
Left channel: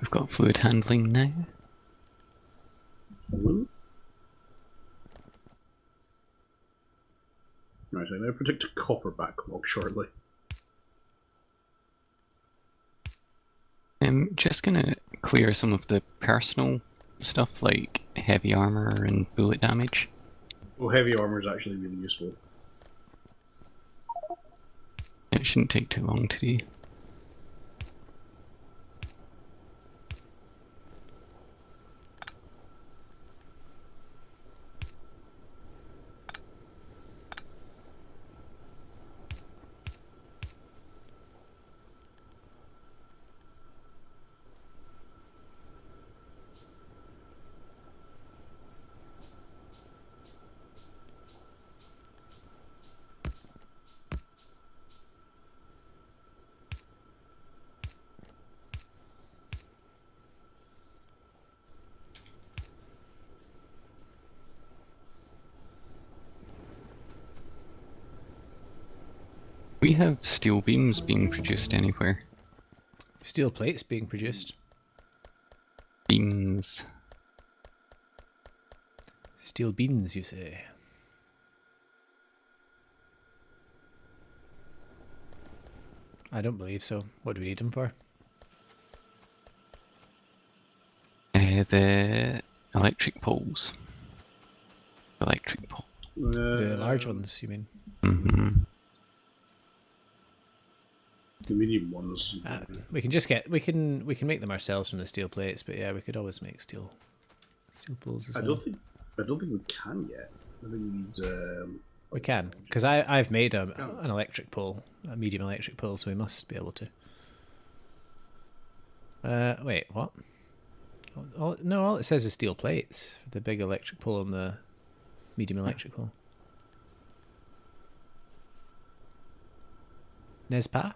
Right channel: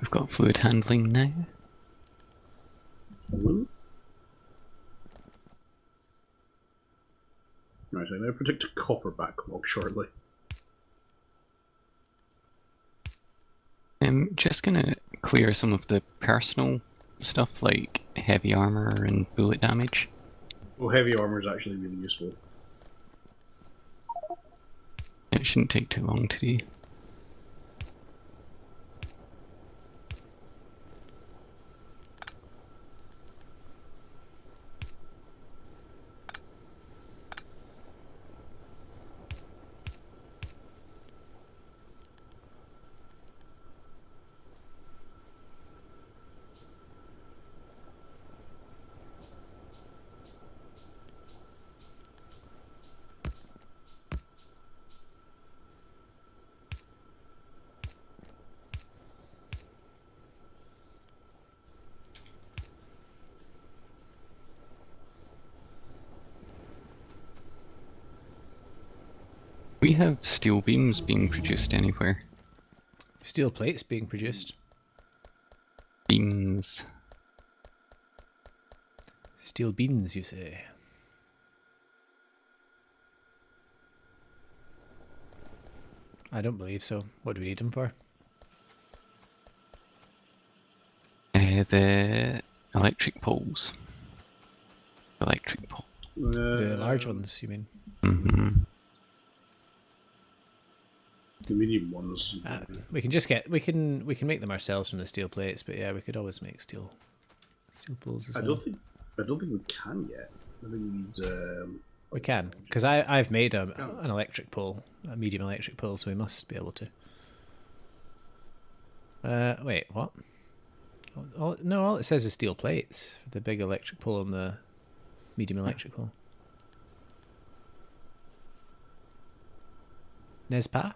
We've got fluid handling now. Right, I now predict a copper backlog shortly. I'm just gonna clear some of the personal stuff like heavy armor and bullet damage. Well, heavy armor is actually really useful. It shouldn't take too long to do. We have steel beams being produced anywhere. Steel plates being produced. Beams. Steel beans, you say? I don't believe so. What do we need them for? The electric poles. Electric pole. The large ones, you mean? Mm-hmm. The medium ones. We can just get we can make them ourselves from the steel plates, but yeah, we could always make steel poles as well. I don't think we can yet. I think we need. We can, because I've made an electric pole, a medium electric pole, so we must be able to. Wait, what? No, all it says is steel plates for the big electric pole and the medium electric pole. Nespa?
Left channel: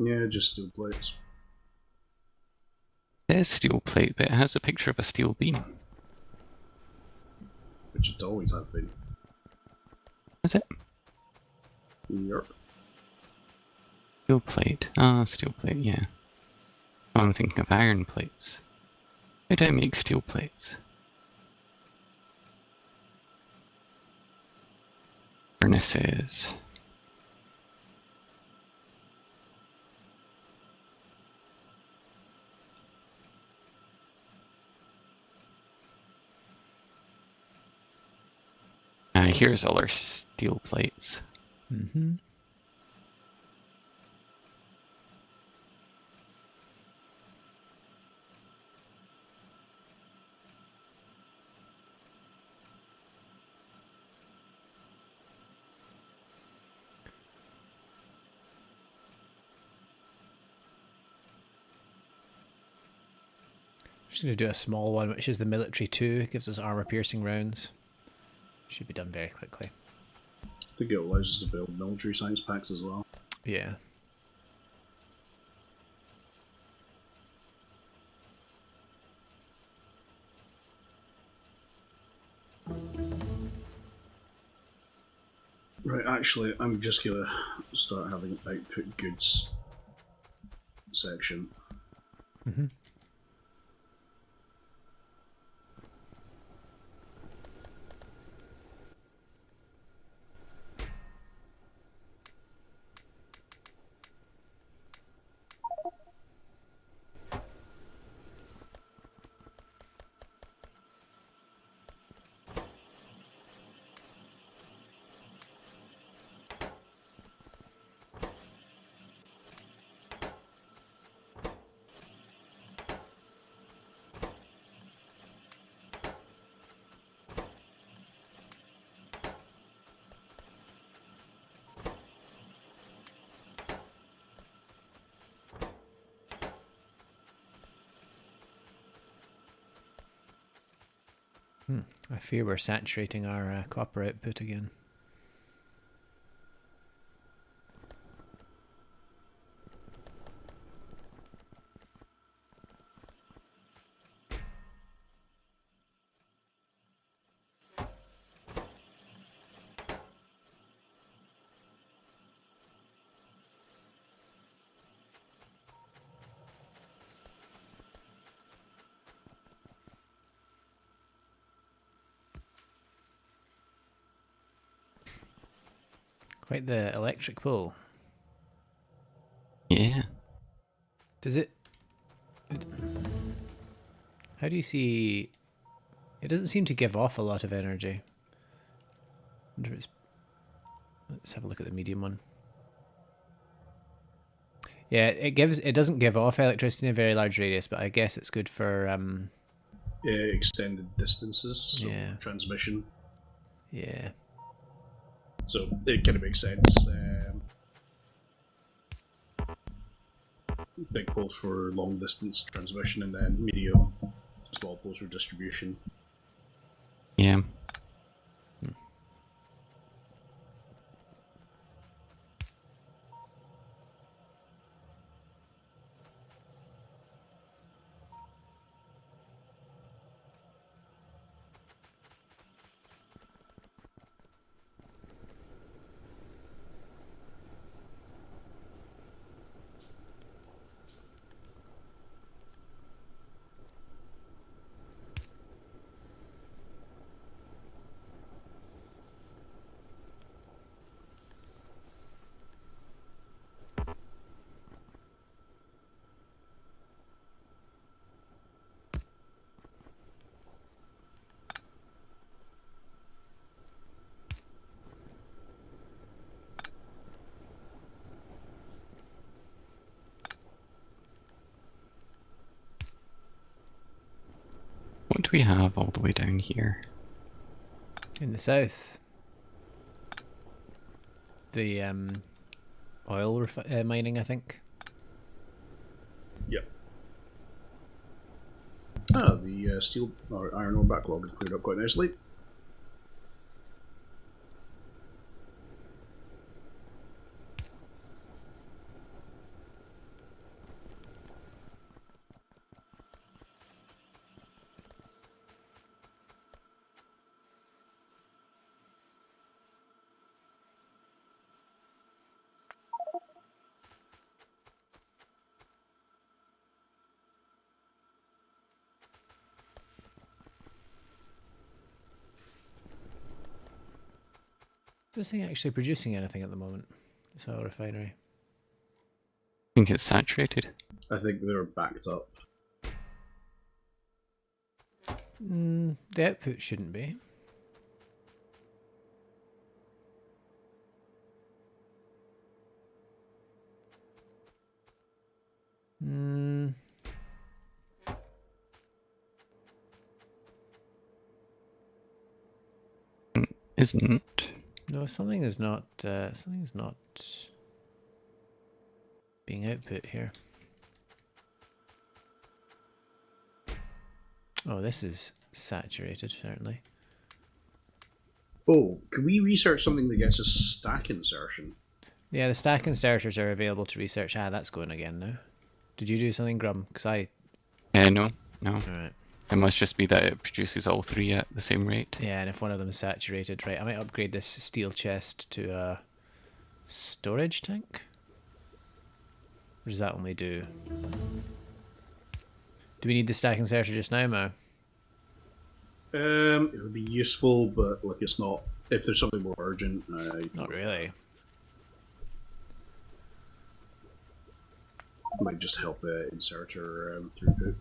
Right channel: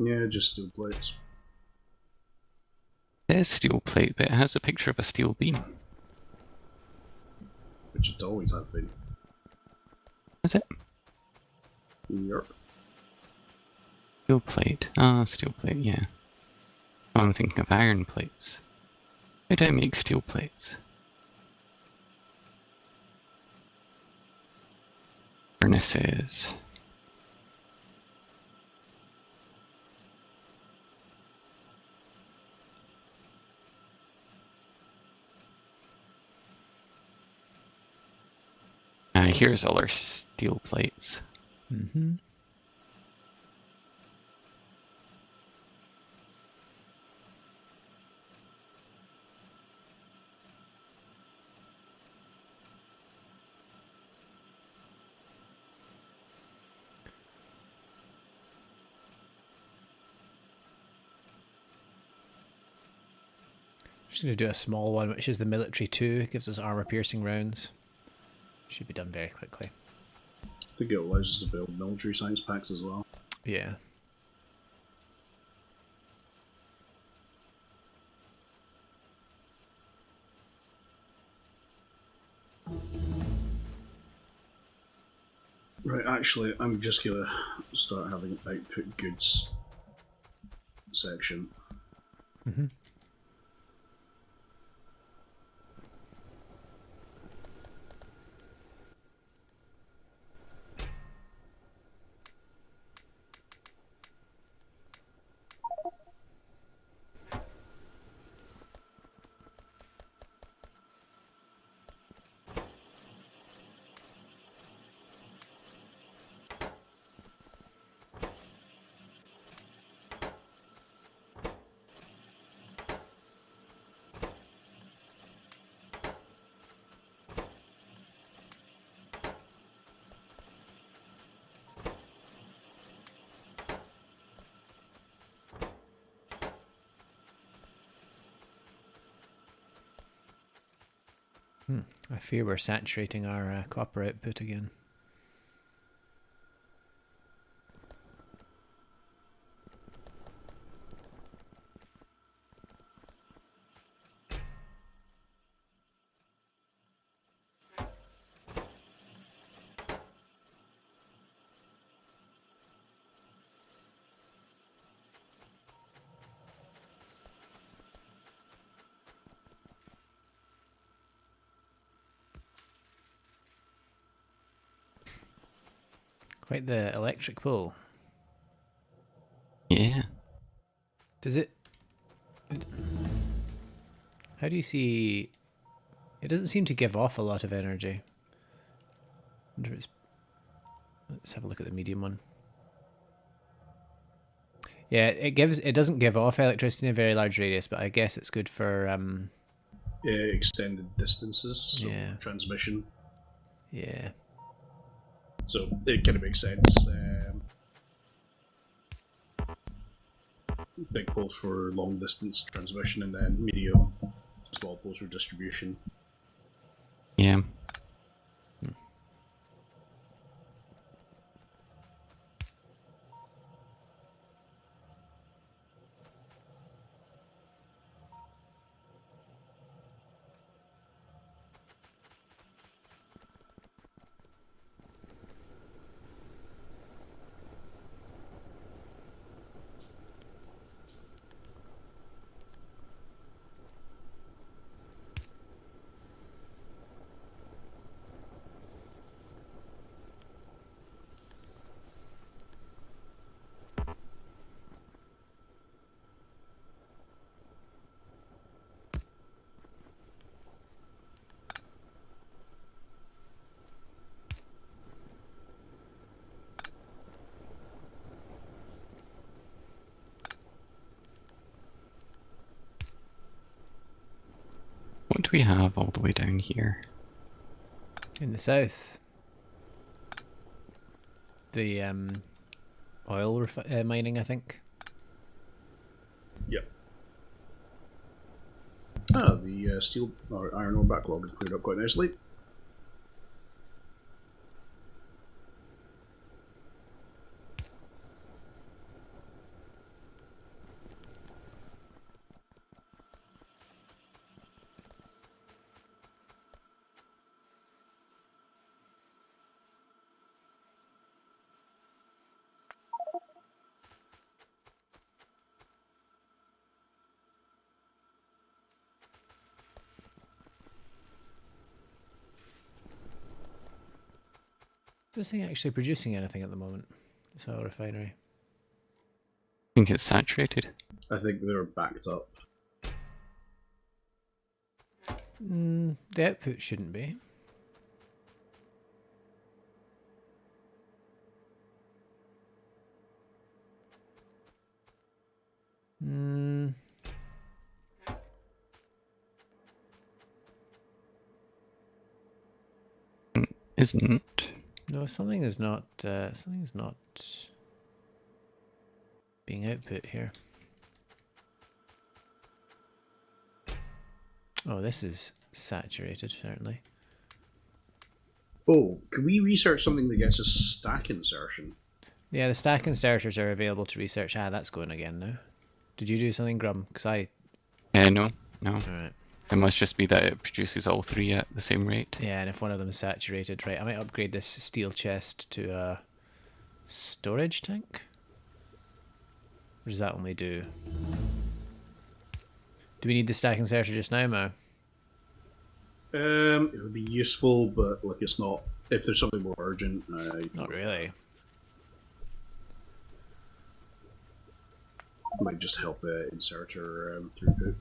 Yeah, just steel plates. It is steel plate, but it has a picture of a steel beam. Which it always has been. Is it? Yep. Steel plate. Ah, steel plate, yeah. Oh, I'm thinking of iron plates. Why do I make steel plates? Furnaces. Here's all our steel plates. Mm-hmm. Just going to do a small one, which is the military 2. It gives us armor-piercing rounds. Should be done very quickly. I think it allows us to build military science packs as well. Yeah. Right, actually, I'm just gonna start having an output goods section. Mm-hmm. I fear we're saturating our copper output again. Quite the electric pull. Yeah. Does it... How do you see... It doesn't seem to give off a lot of energy. Wonder if it's... Let's have a look at the medium one. Yeah, it doesn't give off electricity in a very large radius, but I guess it's good for Extended distances, so yeah. transmission. Yeah. So it kind of makes sense. Big pulse for long distance transmission, and then medium, small pulse for distribution. Yeah. What do we have all the way down here? In the south. The oil mining, I think. Yep. The steel or iron ore backlog is cleared up quite nicely. Is this thing actually producing anything at the moment? This oil refinery. I think it's saturated. I think they're backed up. The output shouldn't be. Isn't. No, something is not. Something's not being output here. Oh, this is saturated, certainly. Oh, can we research something that gets us stack insertion? Yeah, the stack inserters are available to research. Ah, that's going again now. Did you do something, Grum? Because I... No. Alright. It must just be that it produces all three at the same rate. Yeah, and if one of them is saturated, right, I might upgrade this steel chest to a storage tank? Or does that only do... Do we need the stack inserter just now, Mo? It would be useful, but like it's not. If there's something more urgent, Not really. might just help inserter throughput.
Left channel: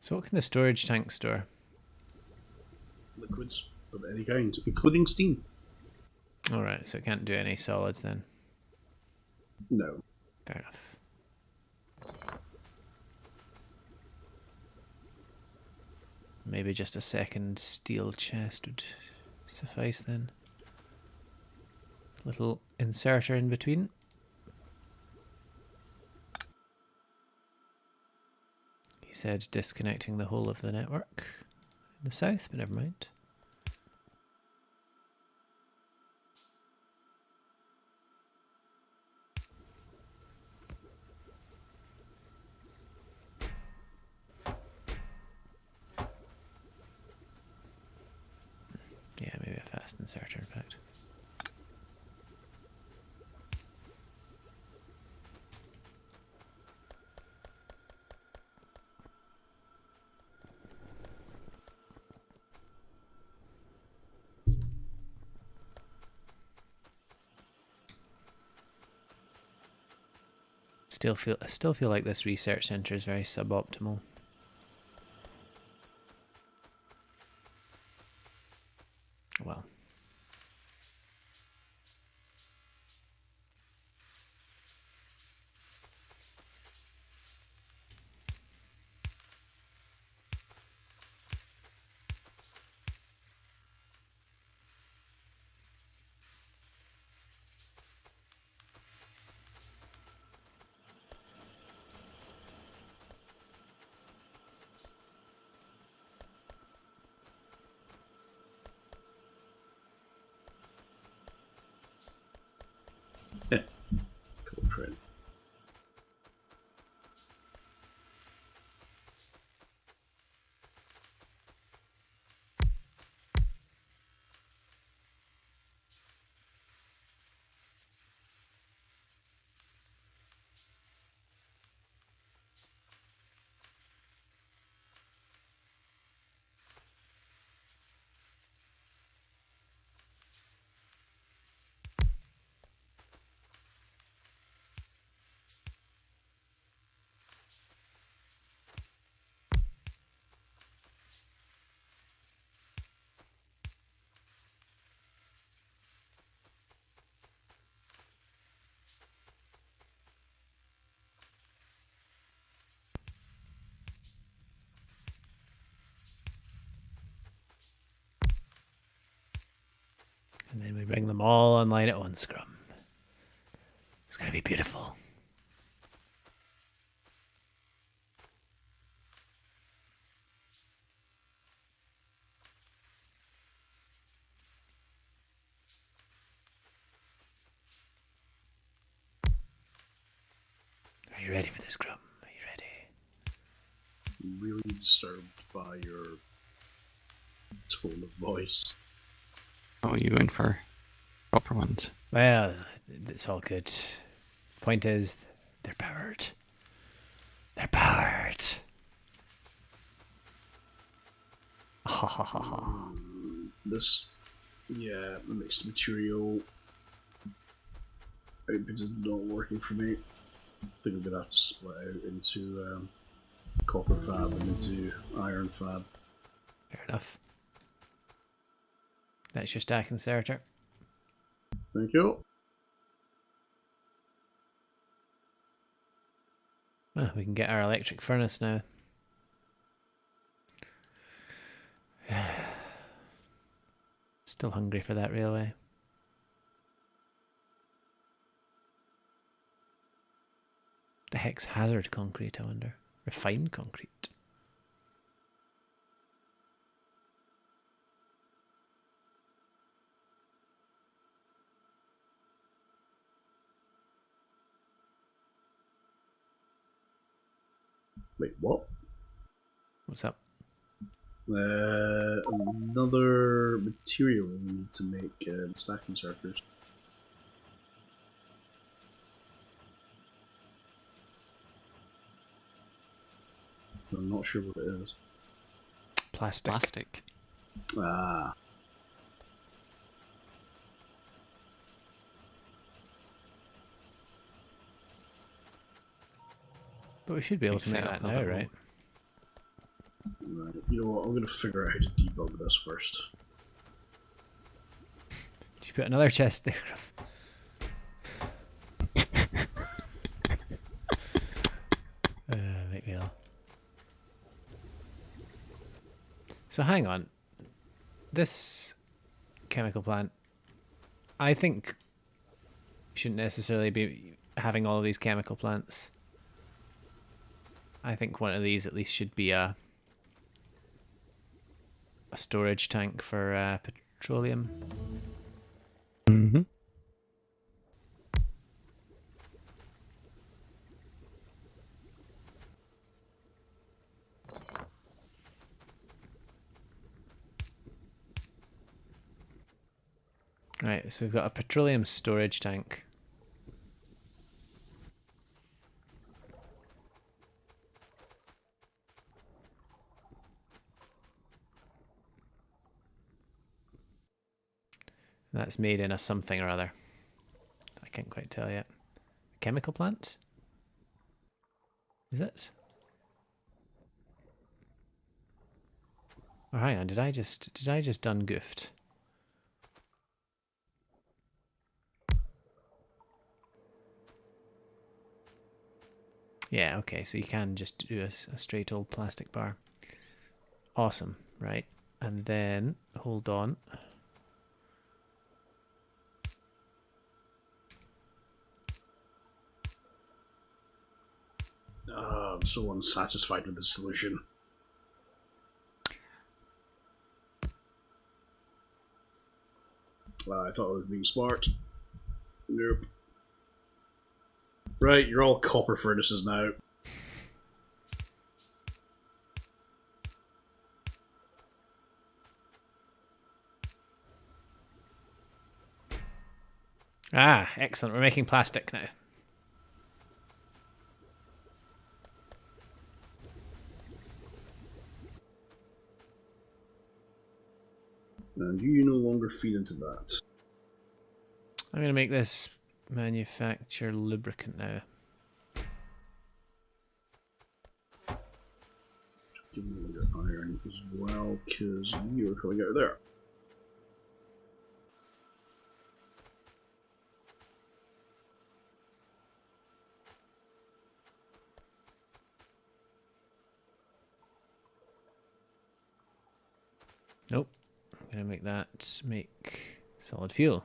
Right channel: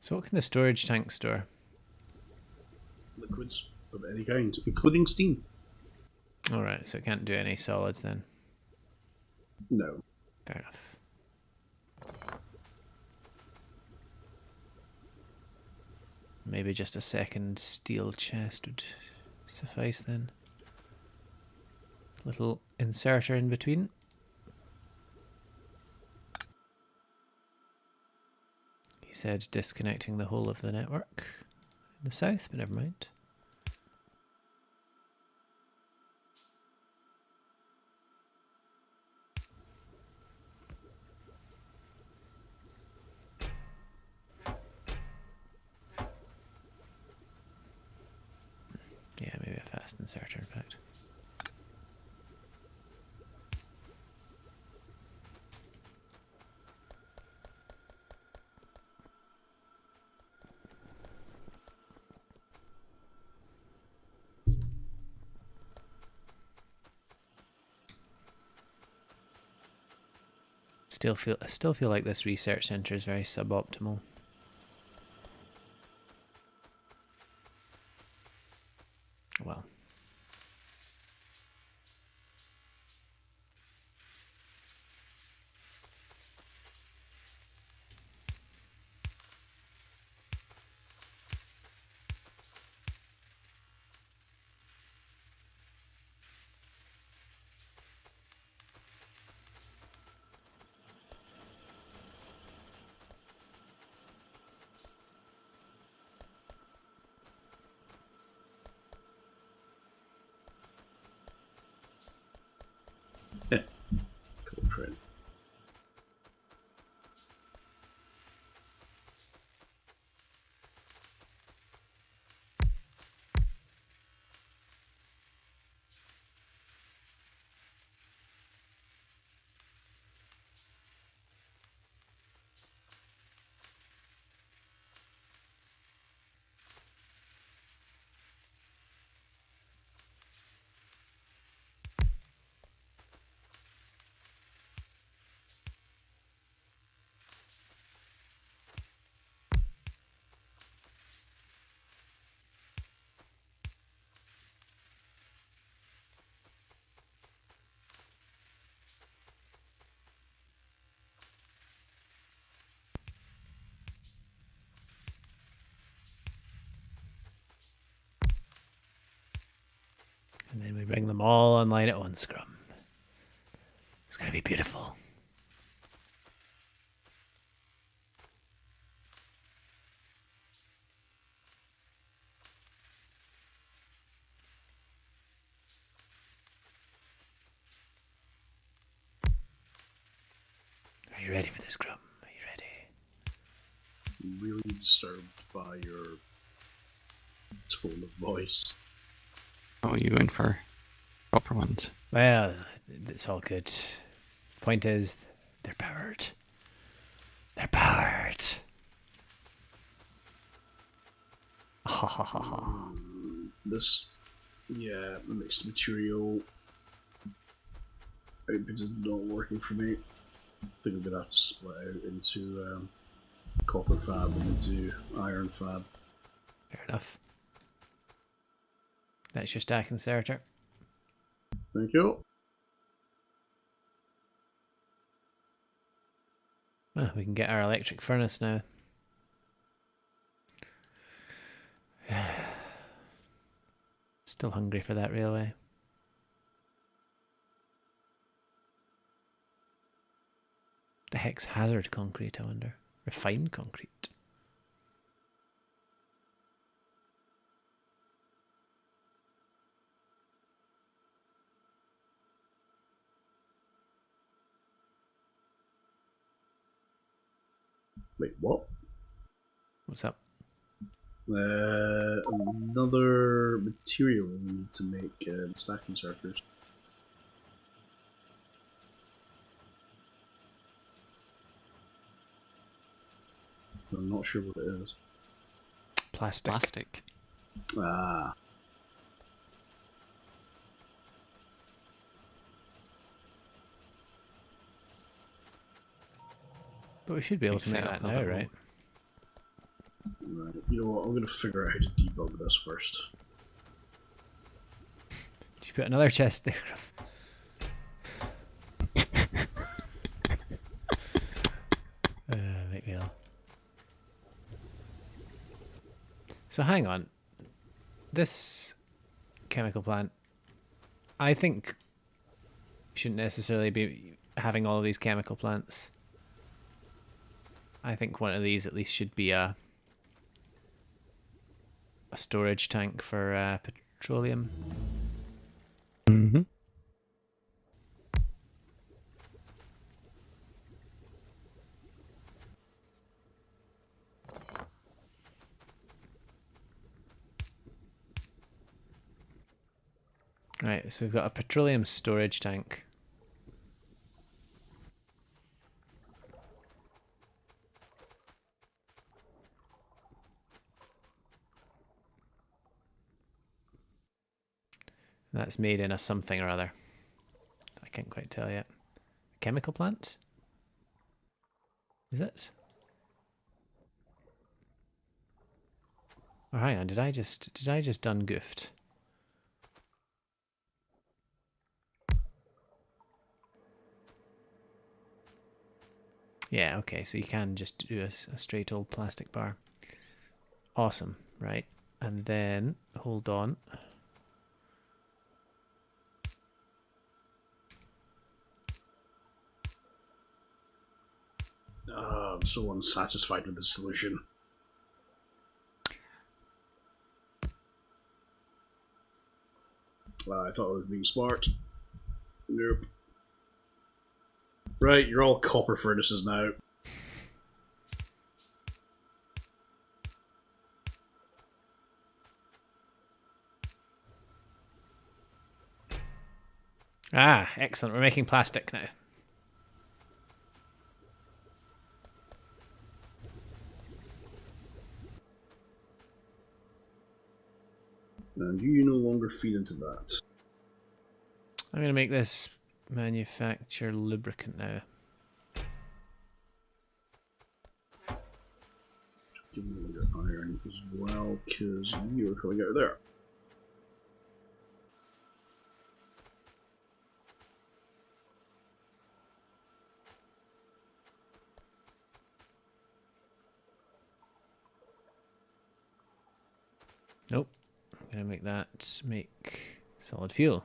So what can the storage tank store? Liquids of any kind, including steam. Alright, so it can't do any solids then. No. Fair enough. Maybe just a second steel chest would suffice then. Little inserter in between. He said disconnecting the whole of the network in the south, but never mind. Yeah, maybe a fast inserter, in fact. I still feel like this research center is very suboptimal. Well. Cool trend. And then we bring them all online at once, Scrum. It's going to be beautiful. Are you ready for this, Scrum? Are you ready? I'm really disturbed by your tone of voice. Oh, you in for proper ones. Well, it's all good. Point is, they're powered. They're powered. Ha ha ha ha. This, yeah, the mixed material output is not working for me. I think I'm gonna have to split out into copper fab and into iron fab. Fair enough. That's your stack inserter. Thank you. Oh, we can get our electric furnace now. Still hungry for that railway. The heck's hazard concrete, I wonder? Refined concrete. Wait, what? What's up? Another material we need to make stack inserters. I'm not sure what it is. Plastic. Plastic. Ah. But we should be able to Big make setup that of now, it all. right? Right. You know what? I'm going to figure out how to debug this first. Did you put another chest there, Gruff? Make me ill. So hang on. This chemical plant, I think we shouldn't necessarily be having all of these chemical plants. I think one of these at least should be a storage tank for petroleum. Mm-hmm. Right, so we've got a petroleum storage tank. That's made in a something or other. I can't quite tell yet. A chemical plant? Is it? Oh, hang on, did I just done goofed? Yeah, okay, so you can just do a straight old plastic bar. Awesome, right. And then, hold on. I'm so unsatisfied with the solution. I thought I was being smart. Nope. Right, you're all copper furnaces now. Ah, excellent. We're making plastic now. And you no longer feed into that. I'm going to make this manufacture lubricant now. Give me your iron as well, because you're coming out of there. Nope. I'm going to make that make solid fuel.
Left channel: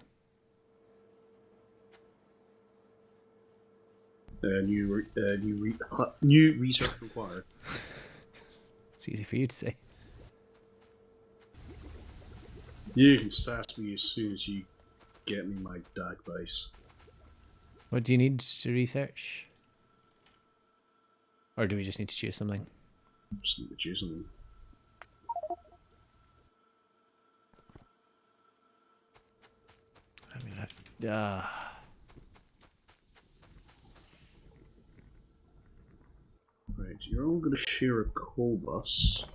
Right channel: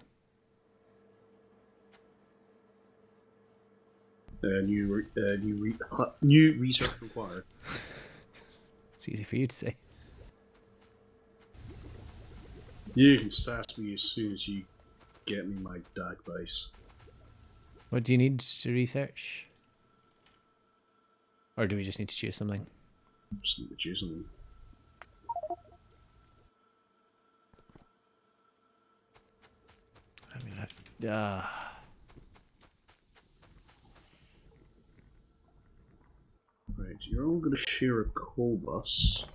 New research required. It's easy for you to say. You can sass me as soon as you get me my DAG base. What do you need to research? Or do we just need to choose something? Just need to choose something. I'm gonna have. Right, you're all going to share a coal bus.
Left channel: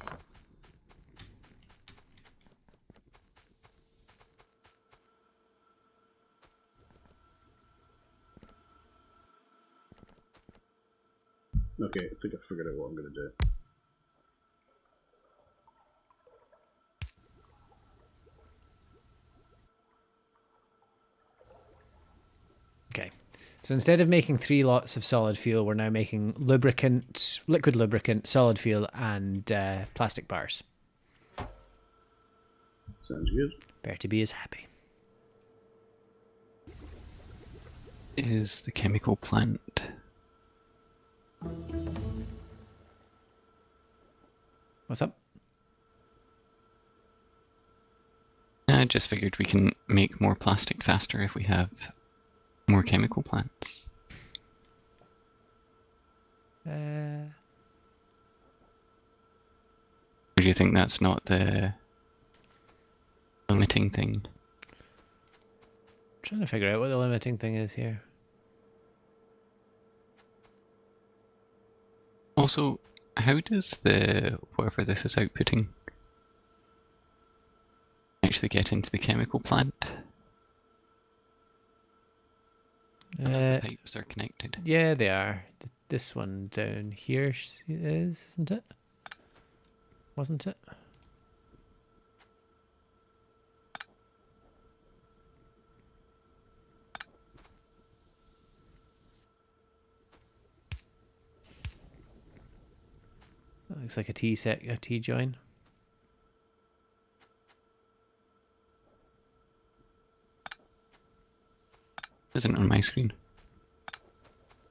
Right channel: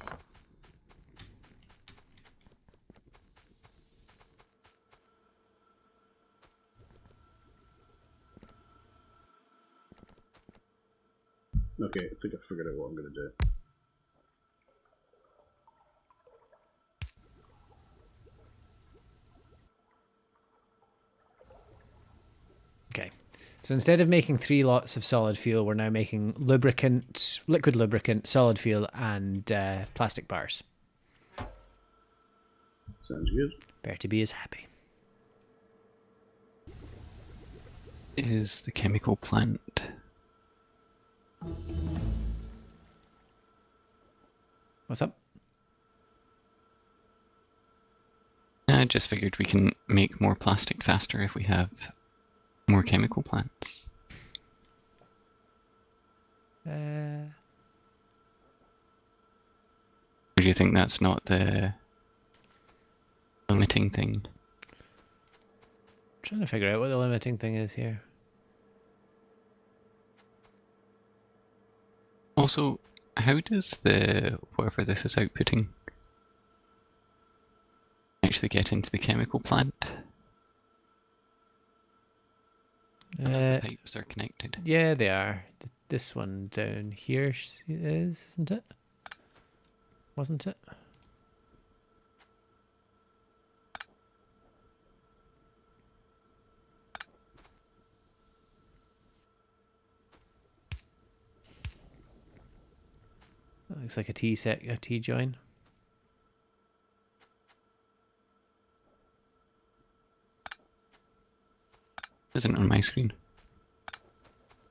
Okay, I think I figured out what I'm going to do. Okay. So instead of making 3 lots of solid fuel, we're now making lubricant, liquid lubricant, solid fuel, and plastic bars. Sounds good. Bertie B is happy. Is the chemical plant? What's up? I just figured we can make more plastic faster if we have more chemical plants. Uh, Or do you think that's not the limiting thing? trying to figure out what the limiting thing is here. Also, how does the whatever this is outputting actually get into the chemical plant? The pipes are connected. Yeah, they are. This one down here is, isn't it? Wasn't it? That looks like a T join. Isn't on my screen.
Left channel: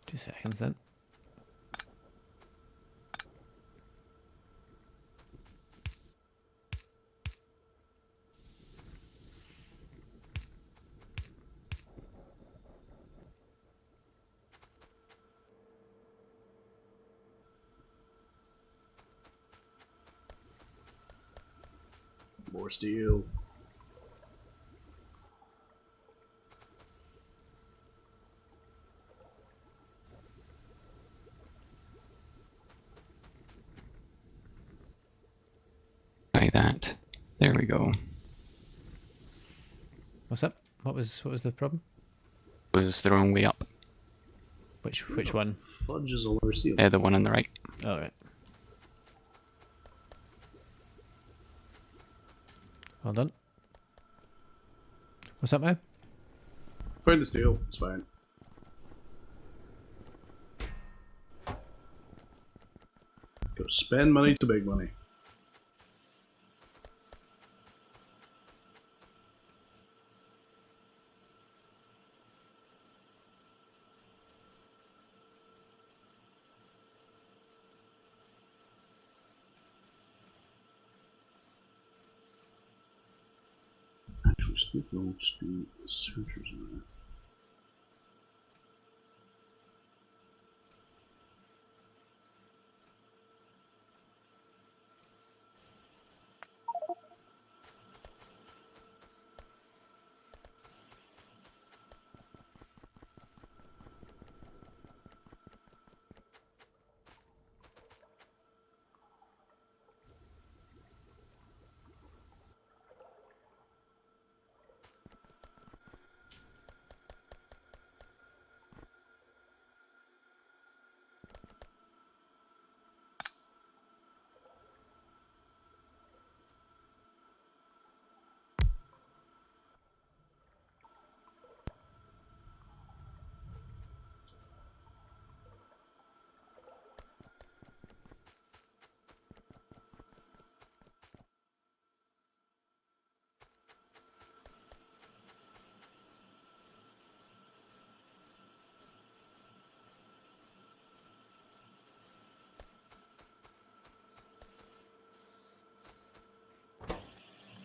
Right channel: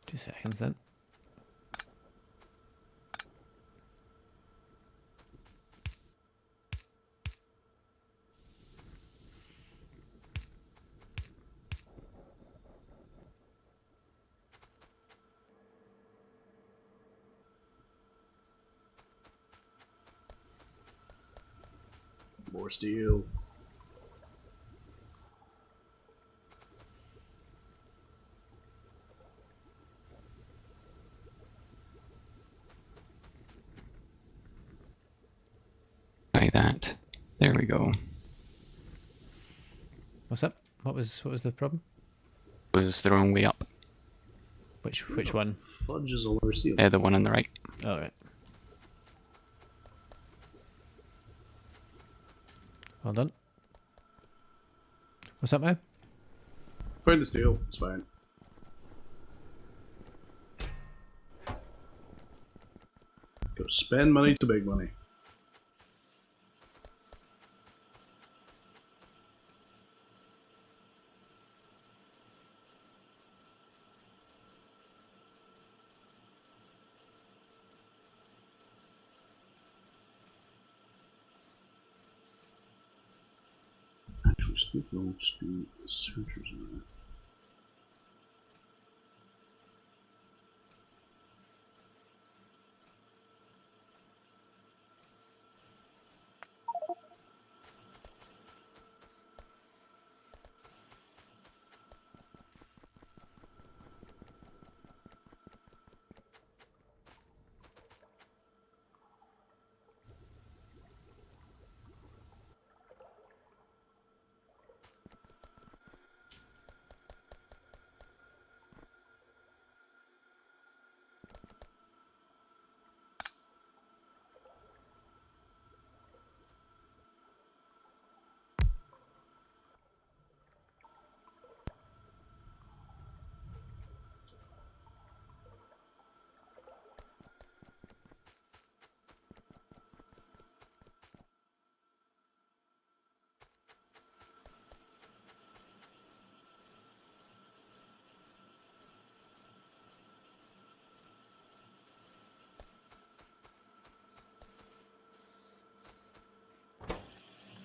2 seconds then. More steel. Try that. There we go. What's up? What was the problem? Was the wrong way up. Which one? Fudge is a lower steel. The one on the right. All right. Well done. What's up now? Find the steel. It's fine. Go spend money to make money. Actually, speaking, I'll just do searchers in there.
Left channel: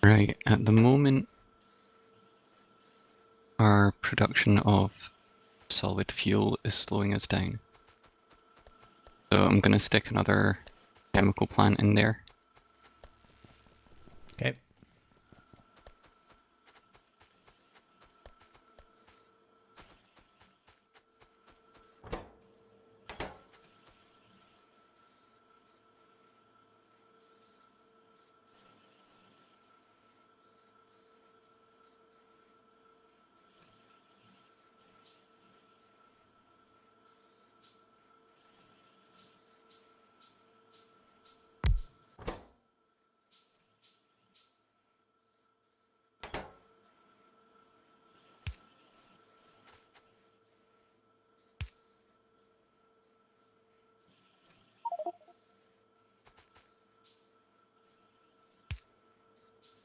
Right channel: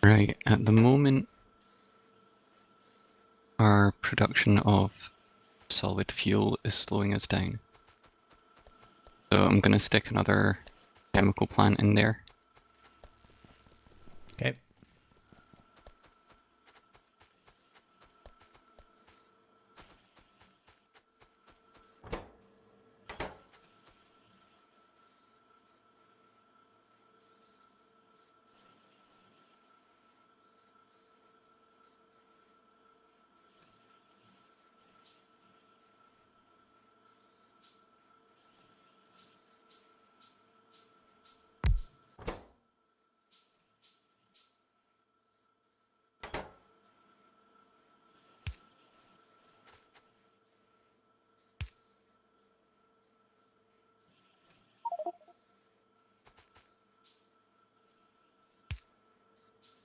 Right, at the moment, our production of solid fuel is slowing us down. So I'm going to stick another chemical plant in there. Okay.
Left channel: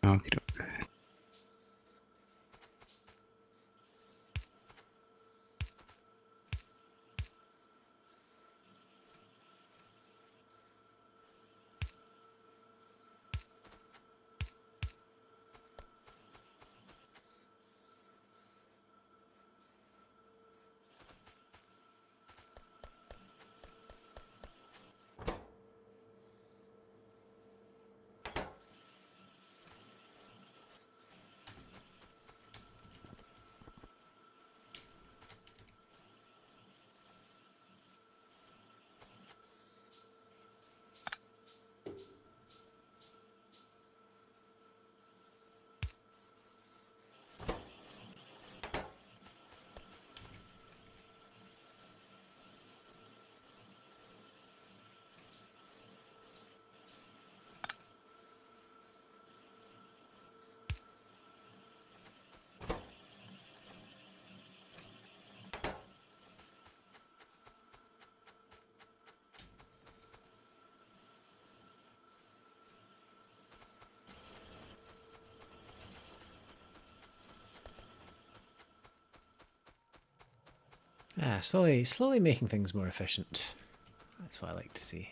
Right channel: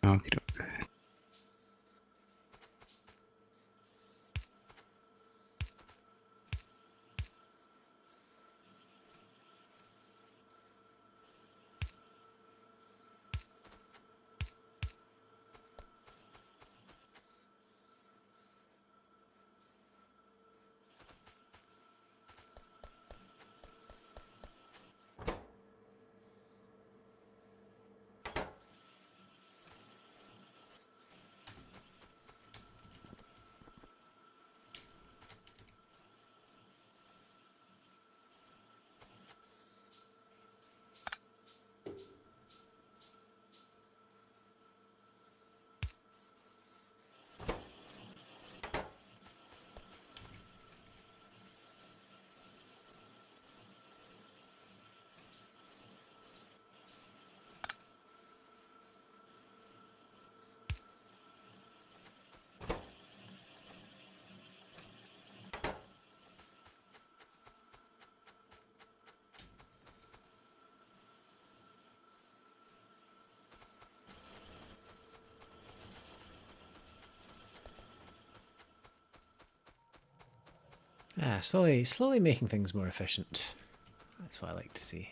Okie doke. Ah, slowly making things more efficient. That's what I like to see.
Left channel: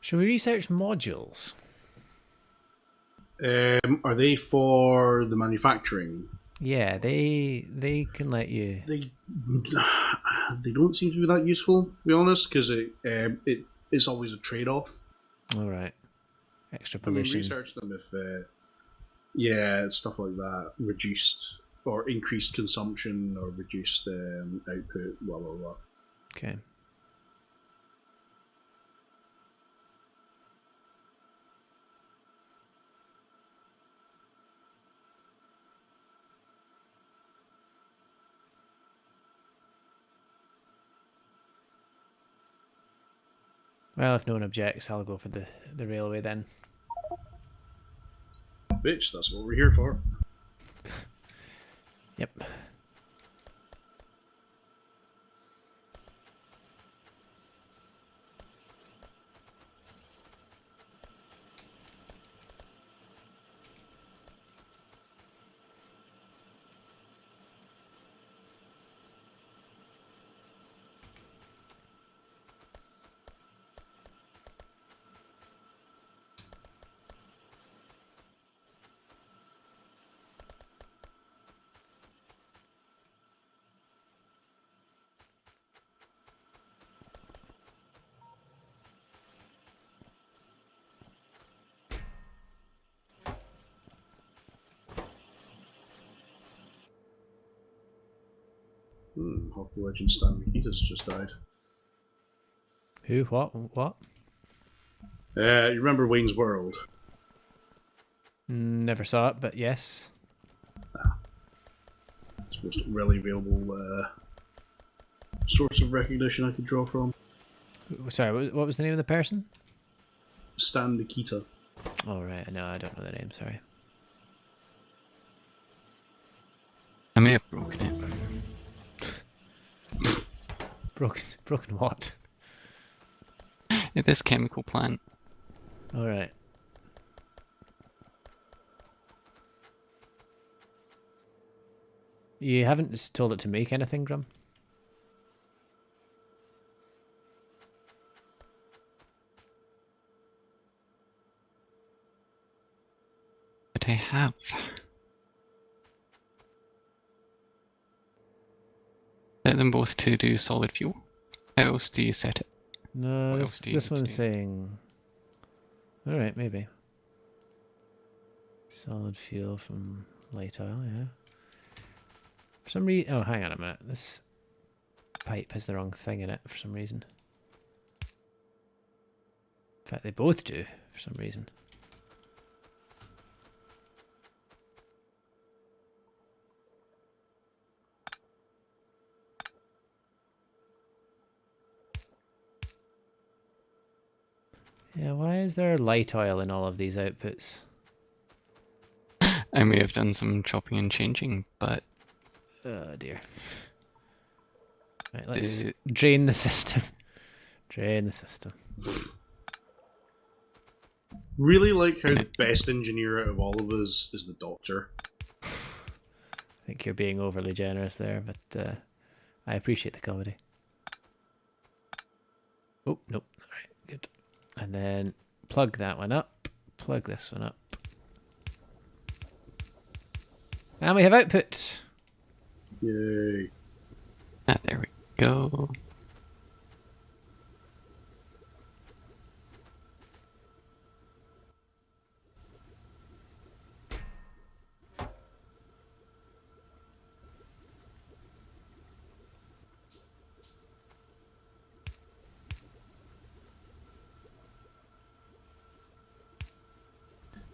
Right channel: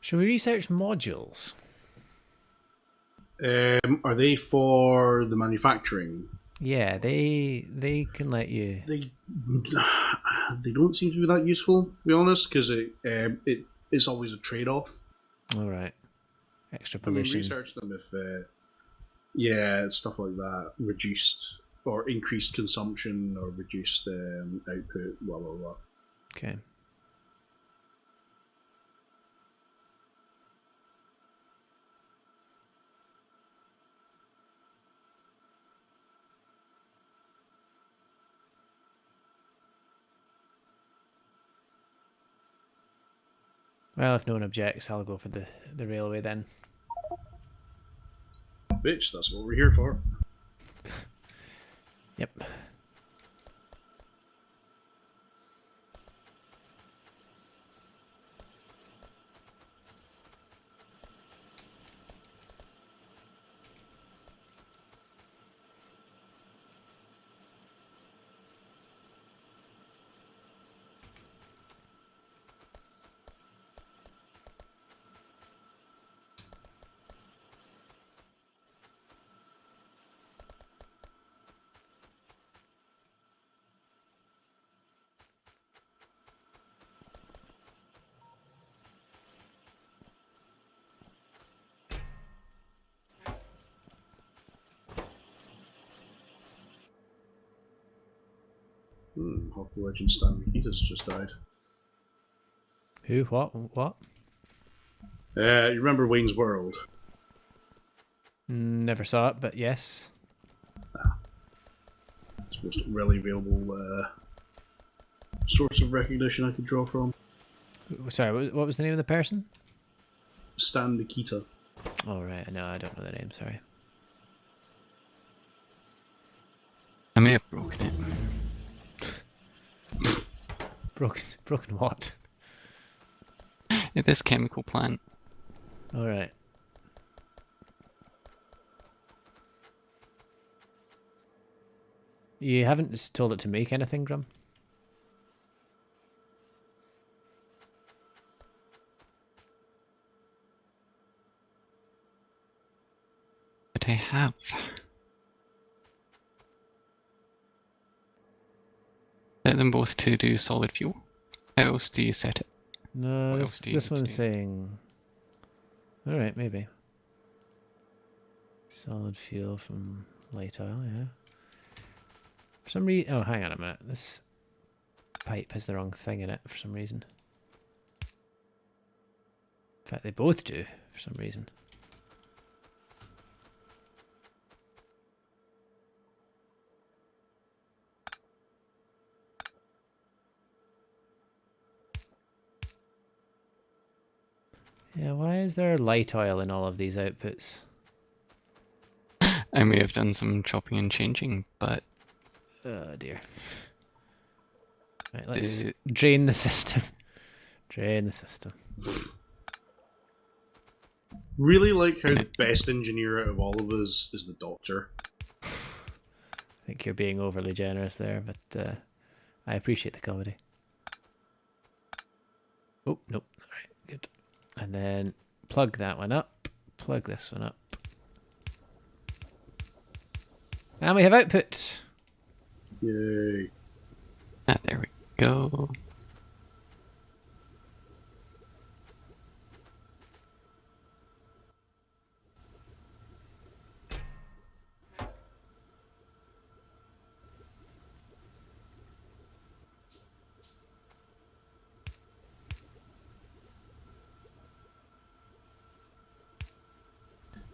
Shall we research modules? Are they for the manufacturing? Yeah, they can let you. They don't seem to be that useful, to be honest, because it's always a trade-off. All right, extra I mean, pollution. research them if yeah, stuff like that, reduced or increased consumption or reduced output, blah blah blah. Okay. Well, if no one objects, I'll go for the railway then. Bitch, that's what we're here for. Yep. Hockey legend Stan Mikita's just died. Who? What? You remember Wayne's World? Never saw it, but yes. It's the most readily available source of recognition I could draw from. Sorry, what was the name of the person? Stan Nikita. Oh, right. No, I don't know the name. Sorry. I may have broken it. Broken what? This chemical plant. All right. You haven't told it to make anything, Grum? But I have. Set them both to do solid fuel. How else do you set it? No, What else do you this need to one's do? saying. All right, maybe. Solid fuel from light oil, yeah. For some reason, oh, hang on a minute. This pipe has the wrong thing in it for some reason. In fact, they both do for some reason. Yeah, why is there light oil in all of these outputs? I may have done some chopping and changing, but Oh dear. Right, let's drain the system. Drain the system. Really like how the best engineer out of all of us is the doctor. I think you're being overly generous there, but I appreciate the comedy. Oh, nope. Alright, good. And then plug that one up. Plug this one up. And we have output. Yay. ah, there we go.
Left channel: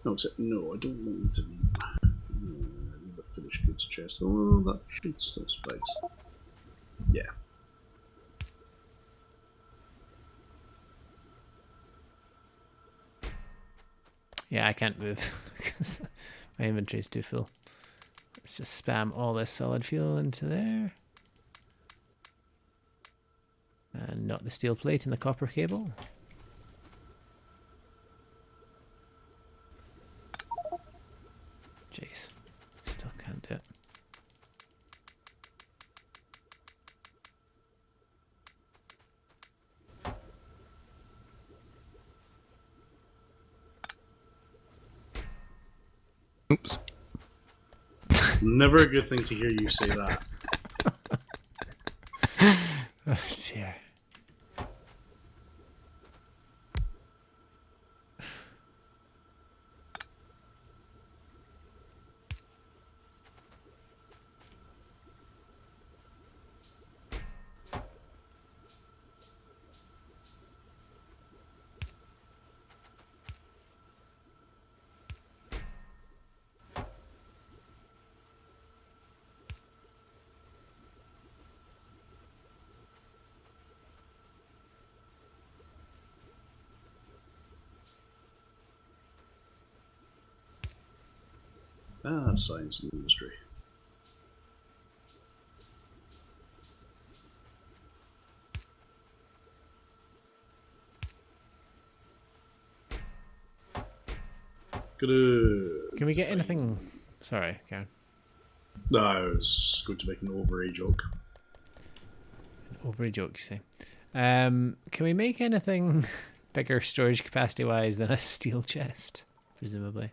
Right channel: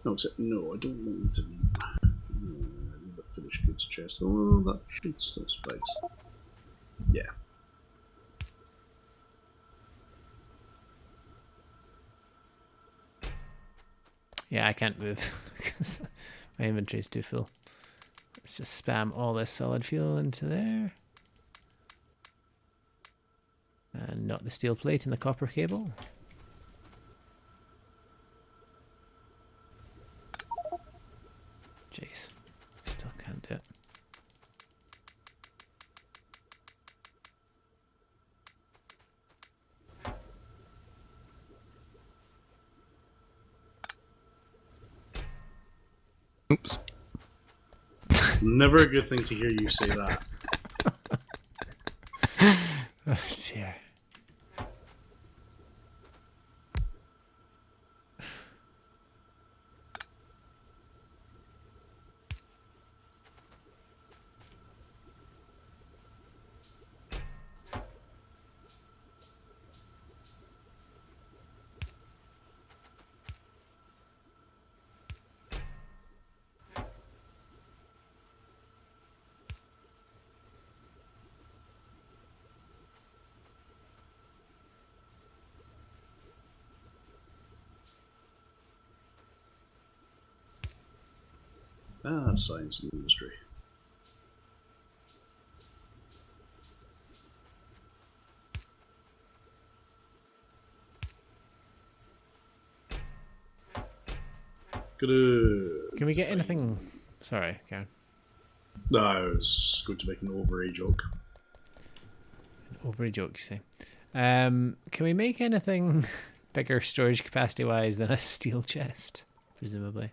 No, no, I don't want to leave. I need the finished goods chest. Oh, that should still suffice. Yeah. Yeah, I can't move because my inventory is too full. Let's just spam all this solid fuel into there. And not the steel plate and the copper cable. Jeez, still can't do it. Oops. It's never a good thing to hear you say that. Oh dear. Ah, science and industry. Good. Can we get anything? Sorry, Karen. No, I was going to make an overage joke. Over a joke, you say. Can we make anything bigger storage capacity wise than a steel chest? Presumably.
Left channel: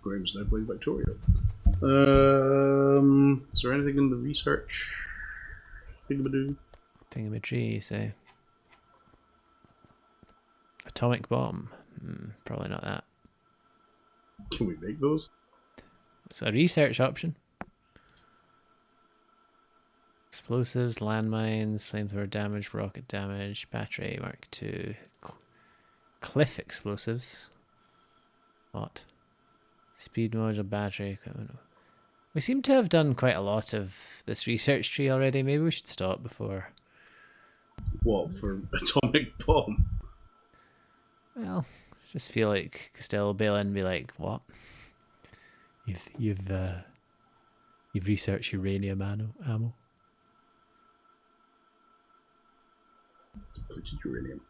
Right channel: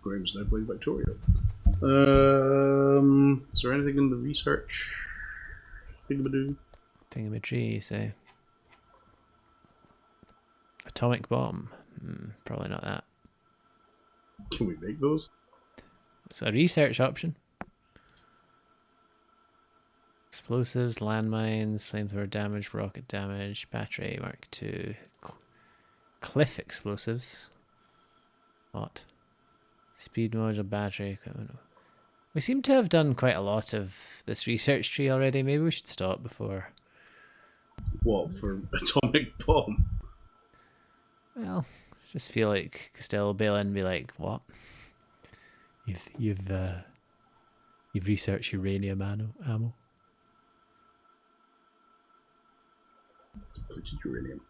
Graham's now playing Factorio. Is there anything in the research? Thingamadoo? Thingamadoo, you say. Atomic bomb. Probably not that. Can we make those? So a research option. Explosives, landmines, flamethrower damage, rocket damage, battery, Mark II. Cliff explosives. What? Speed module, battery equipment. We seem to have done quite a lot of this research tree already. Maybe we should stop before. What, for atomic bomb? Well, I just feel like Costello will bail in and be like, "What? You've researched uranium ammo." Depleted uranium.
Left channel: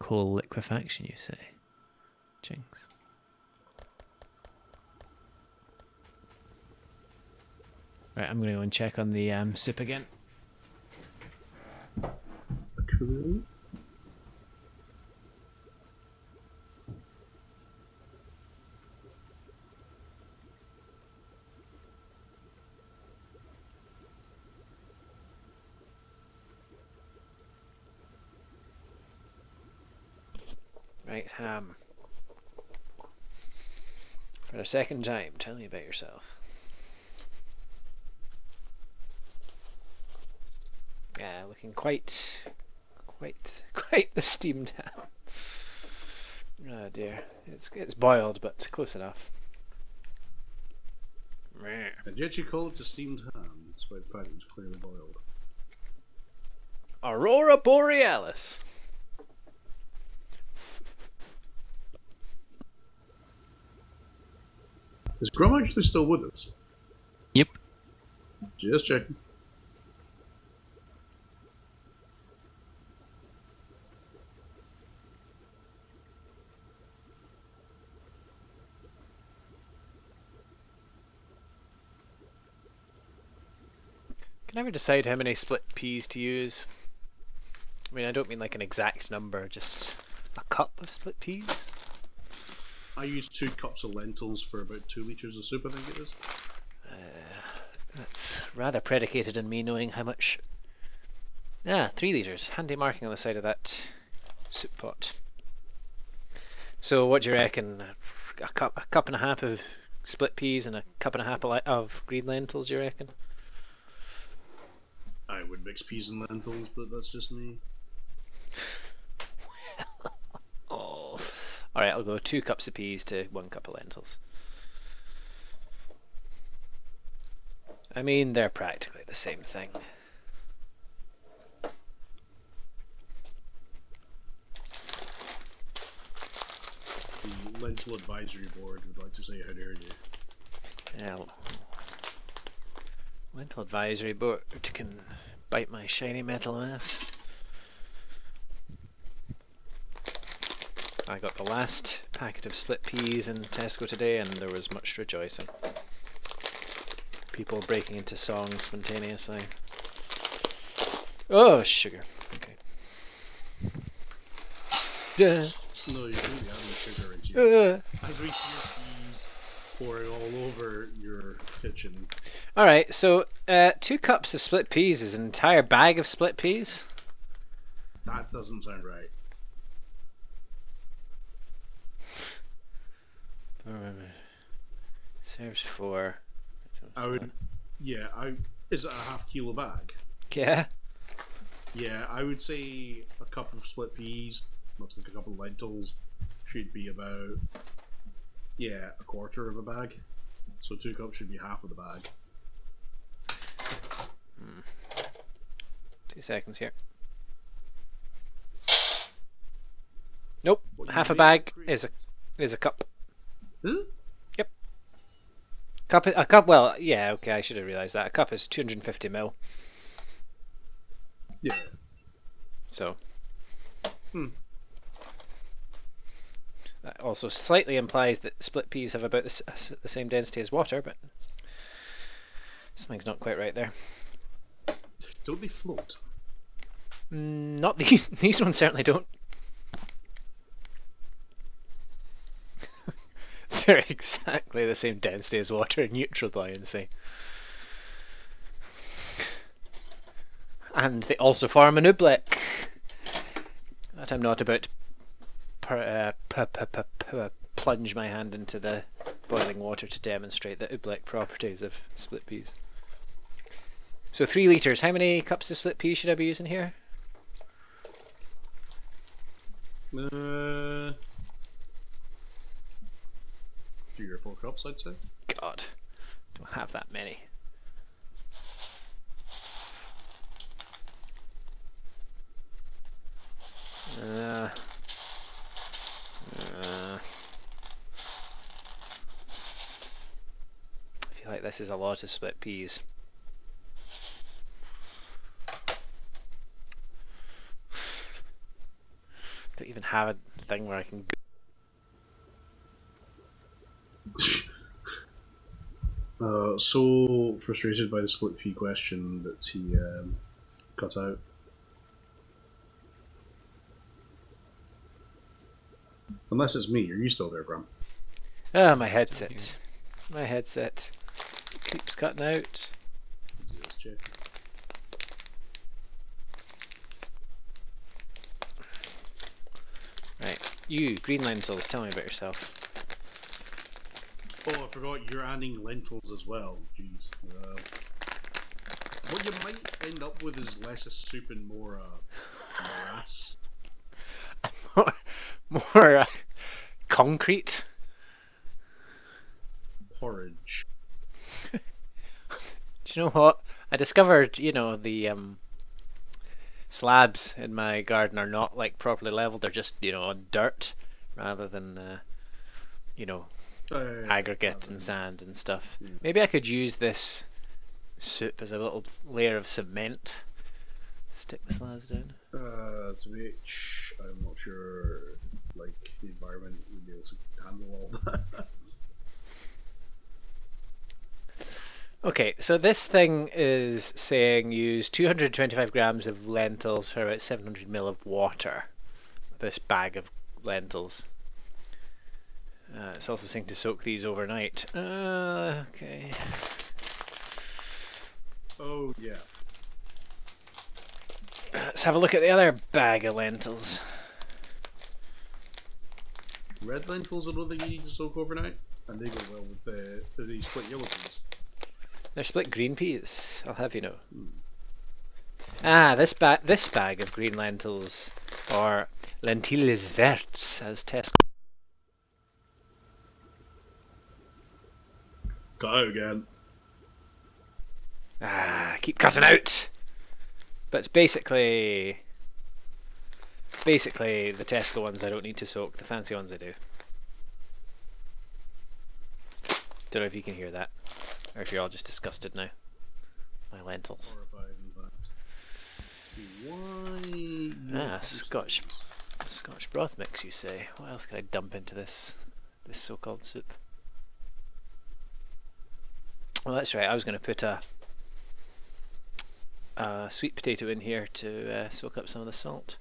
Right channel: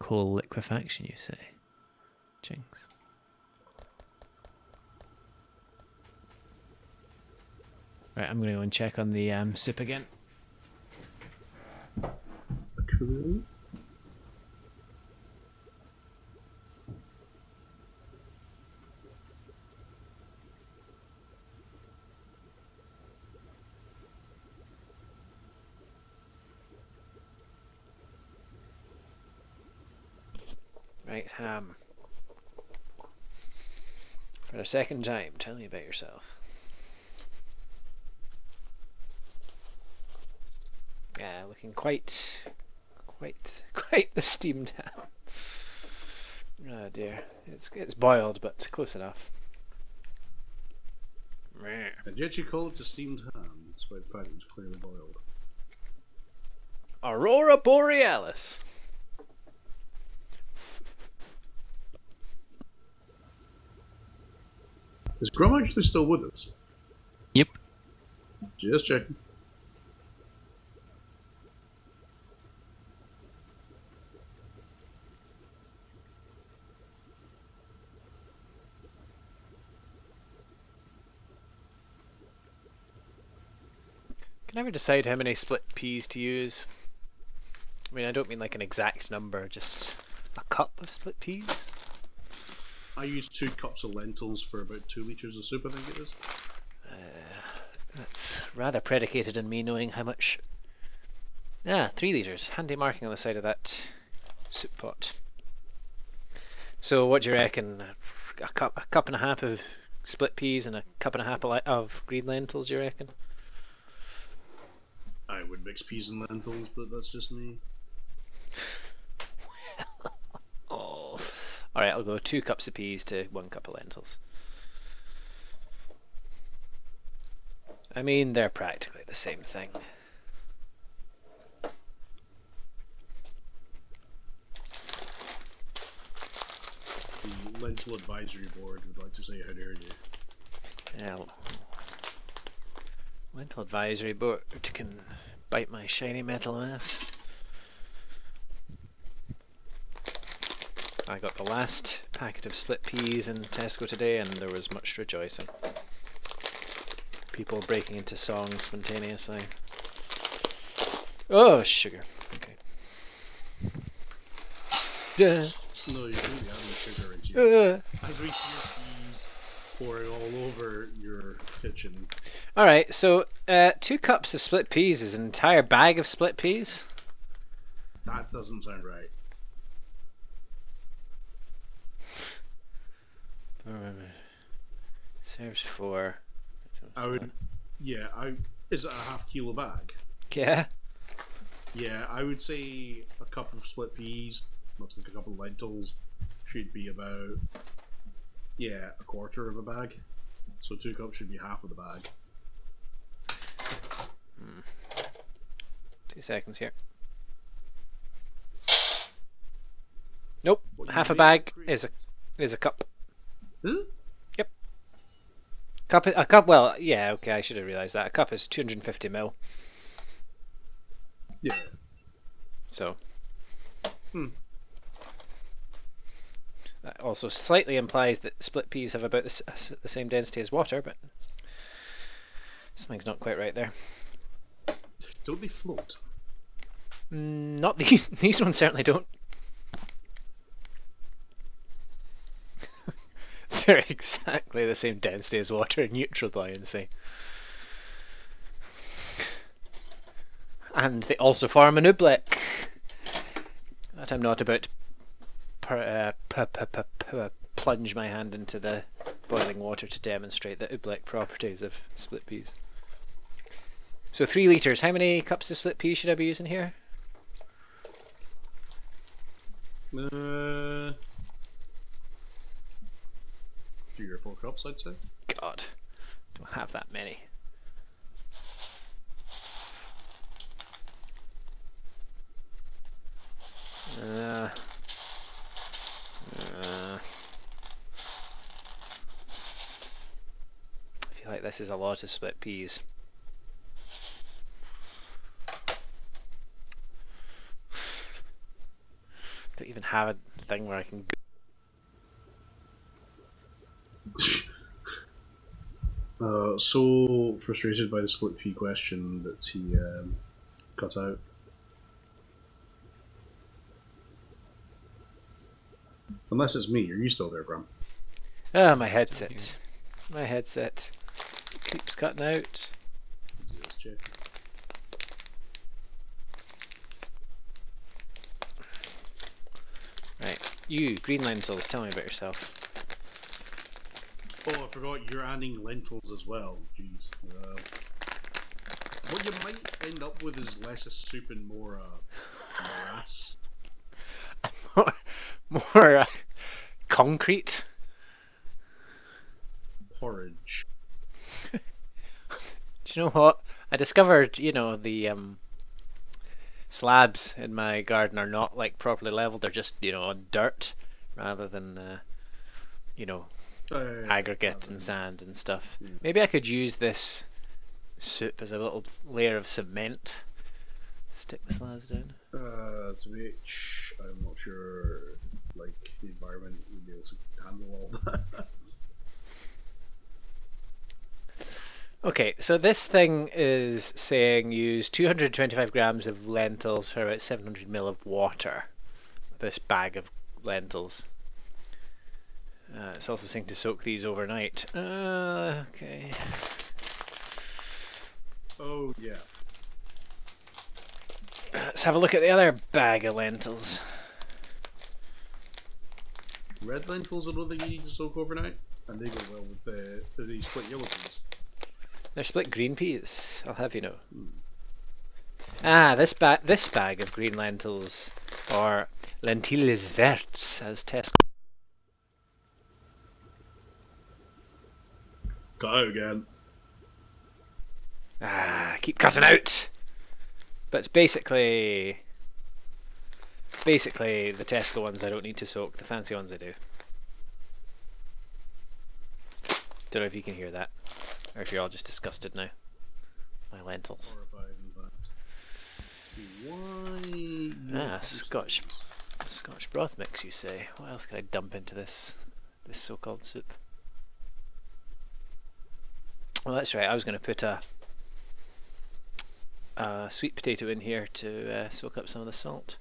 Coal liquefaction, you say? Jinx. Right, I'm going to go and check on the soup again. Cool. Right, for the second time, tell me about yourself. Yeah, looking quite the steamed ham. Oh dear, it's boiled, but close enough. And yet you call it a steamed ham. It's despite the fact it was clearly boiled. Aurora Borealis. Is Grum actually still with us? Yep. Just checking. Can I ever decide how many split peas to use? I mean, I don't mean like an exact number, just a cup of split peas. I use 2 cups of lentils for about 2 litres of soup, I think it is. That's rather predicated on me knowing how much. Ah, 3 litres. Handy marking on the side of that soup pot. So what do you reckon? A cup and a half of split peas and a cup and a half of green lentils, you reckon? I would mix peas and lentils, but that's just me. Oh. Alright, I'll go 2 cups of peas to 1 cup of lentils. I mean, they're practically the same thing. The Lentil Advisory Board would like to say, how dare you? Yeah, Lentil Advisory Board can bite my shiny metal ass. I got the last packet of split peas in Tesco today and there was much rejoicing. People breaking into song spontaneously. Oh, sugar. Okay. Duh. No, you shouldn't be adding sugar into your... Uh. As we see peas pouring all over your kitchen. Alright, so 2 cups of split peas is an entire bag of split peas? That doesn't sound right. Serves 4. I would... Yeah, is it a half kilo bag? Yeah. Yeah, I would say a cup of split peas, much like a cup of lentils, should be about, yeah, a quarter of a bag. So 2 cups should be half of the bag. 2 seconds here. Nope, What, half a you bag made is a cup. Huh? Yep. A cup. Well, yeah. Okay, I should have realised that. A cup is 250 ml. Yeah. So. That also slightly implies that split peas have about the same density as water, but something's not quite right there. Don't they float? Not these. These ones certainly don't. They're exactly the same density as water in neutral buoyancy. And they also form an oobleck. That I'm not about to plunge my hand into the boiling water to demonstrate the oobleck properties of split peas. So 3 litres. How many cups of split peas should I be using here? 3 or 4 cups, I'd say. God, don't have that many. I feel like this is a lot of split peas. Don't even have a thing where I can go. So frustrated by the split pea question that he cut out. Unless it's me, are you still there, Bram? Ah, my headset. My headset keeps cutting out. Just check. Right, you, green lentils, tell me about yourself. Oh, I forgot you're adding lentils as well. Jeez. What you might end up with is less a soup and more morass. More concrete. Porridge. Do you know what? I discovered, the slabs in my garden are not like properly leveled. They're just, on dirt rather than, aggregate and sand and stuff. Yeah. Maybe I could use this soup as a little layer of cement. Stick the slabs down. To which I'm not sure, like, the environment would be able to handle all that. Okay, so this thing is saying use 225 grams of lentils for about 700 ml of water. This bag of lentils. It's also saying to soak these overnight. Okay. Oh, yeah. Let's have a look at the other bag of lentils. Red lentils are another thing you need to soak overnight, and they go well with the split yellow peas. They're split green peas, I'll have you know. Ah, this bag of green lentils, or lentilles verts, as Tesco. Got out again. Keep cutting out. But it's basically the Tesco ones I don't need to soak. The fancy ones I do. Don't know if you can hear that, or if you're all just disgusted now. My lentils. Horrified, in fact. Why? Scotch broth mix, you say? What else can I dump into this so-called soup? Well, that's right. I was going to put a sweet potato in here to soak up some of the salt.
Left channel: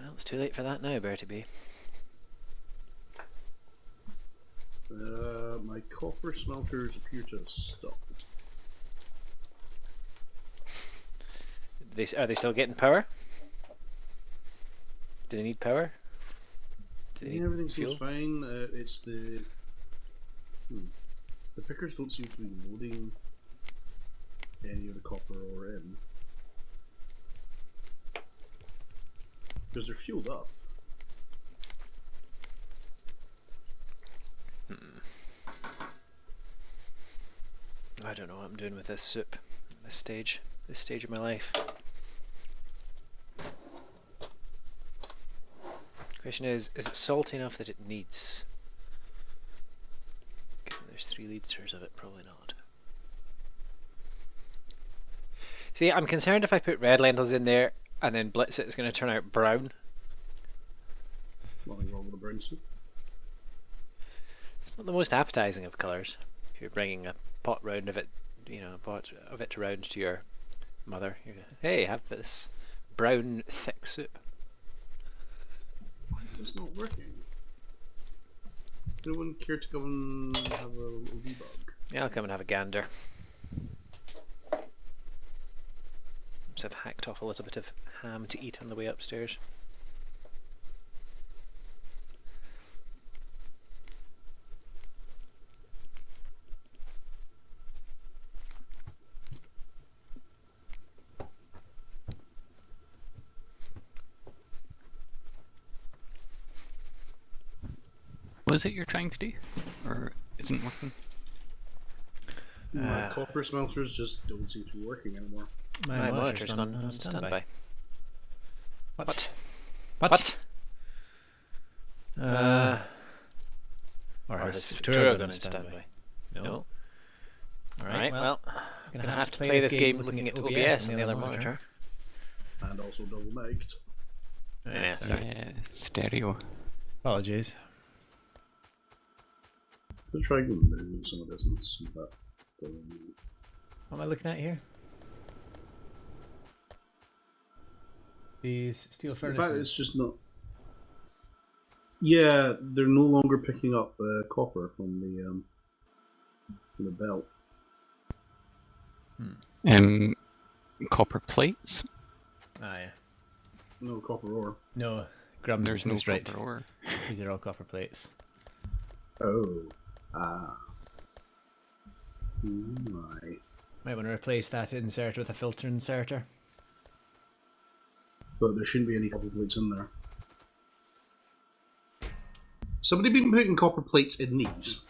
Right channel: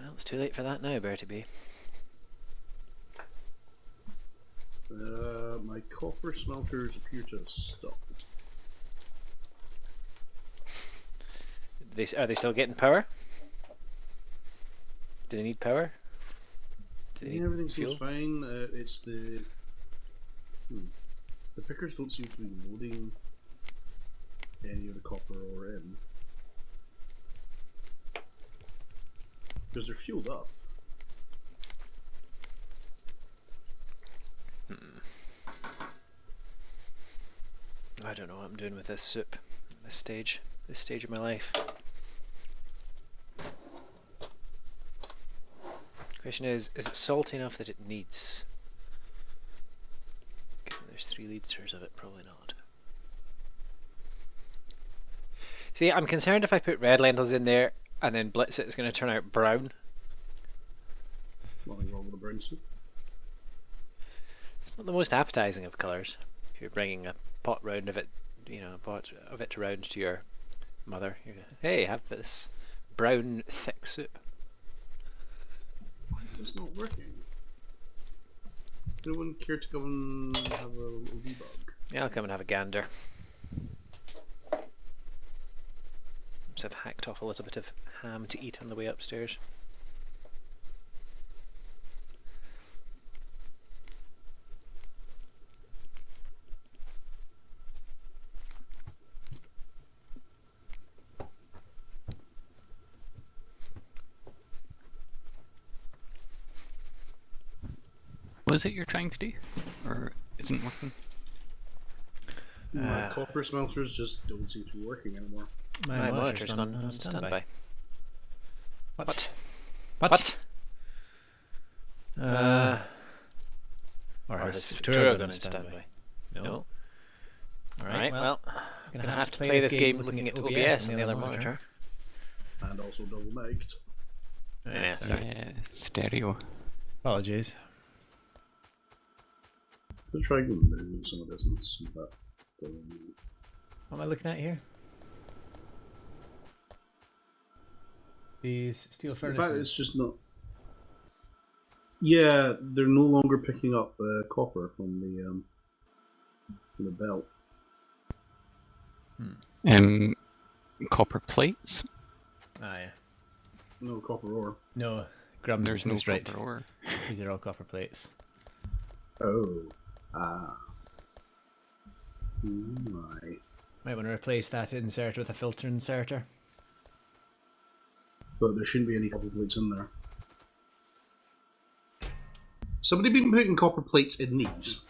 Well, it's too late for that now, Bertie B. My copper smelters appear to have stopped. Are they still getting power? Do they need power? Do they need Everything fuel? seems fine. It's the pickers don't seem to be loading any of the copper ore in because they're fueled up. I don't know what I'm doing with this soup at this stage of my life. Question is it salty enough that it needs? Given there's 3 litres of it, probably not. See, I'm concerned if I put red lentils in there and then blitz it, it's going to turn out brown. Nothing wrong with the brown soup. It's not the most appetizing of colours. If you're bringing a pot round of it, pot of it round to your mother, you go, hey, have this brown thick soup. Why is this not working? No one care to come and have a little debug? Yeah, I'll come and have a gander. So I've hacked off a little bit of ham to eat on the way upstairs. What is it you're trying to do? Or isn't working? My copper smelters just don't seem to be working anymore. My monitor's gone on standby. What? Or has Factorio gone on standby? No. Alright, well, I'm gonna have to play this game looking at OBS on the other monitor. And also double mic'd. Yeah, sorry. Yeah, stereo. Apologies. I'll try and move some of this, but What am I looking at here? These steel in fact, furnaces. it's just not. Yeah, they're no longer picking up copper from the belt. Copper plates? Ah, yeah. No copper ore. No, Grum, There's no right. copper ore. These are all copper plates. Oh. Ah. Oh my. Might want to replace that inserter with a filter inserter. But there shouldn't be any copper plates in there. Somebody been putting copper plates in these?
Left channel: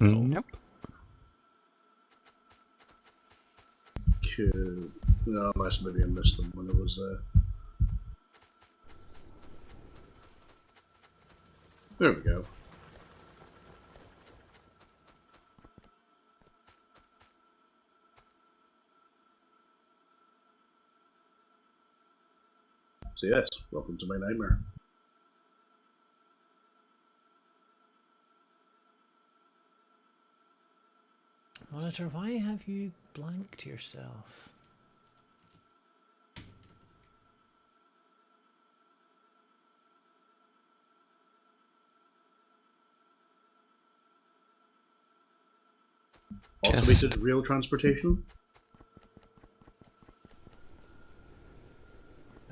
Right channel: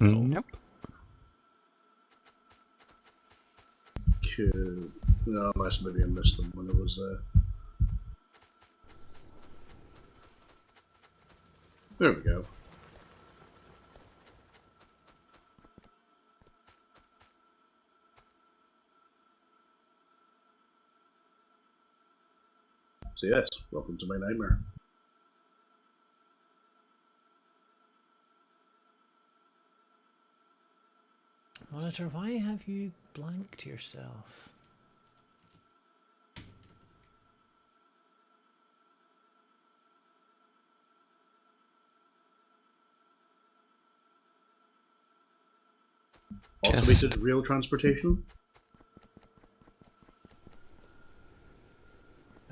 Nope. No, unless maybe I missed them when it was there. There we go. So yes, welcome to my nightmare. Monitor, why have you blanked yourself? Automated rail transportation?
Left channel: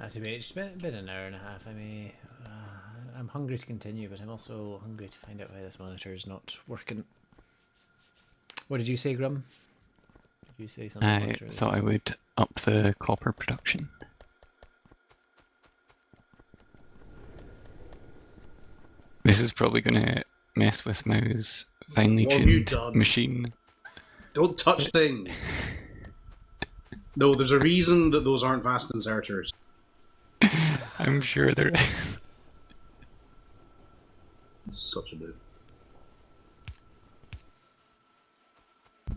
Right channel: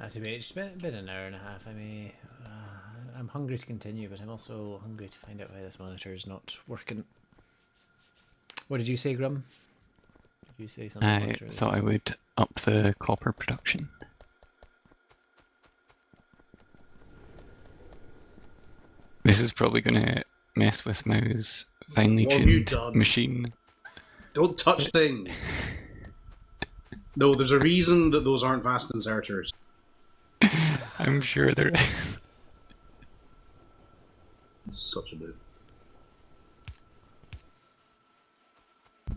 It's been an hour and a half. I'm hungry to continue, but I'm also hungry to find out why this monitor is not working. What did you say, Grum? Did you say something? I thought I would up the copper production. This is probably going to mess with Mao's finely What have you tuned done? machine. Don't touch things! No, there's a reason that those aren't fast inserters. I'm sure there is. Such a bit.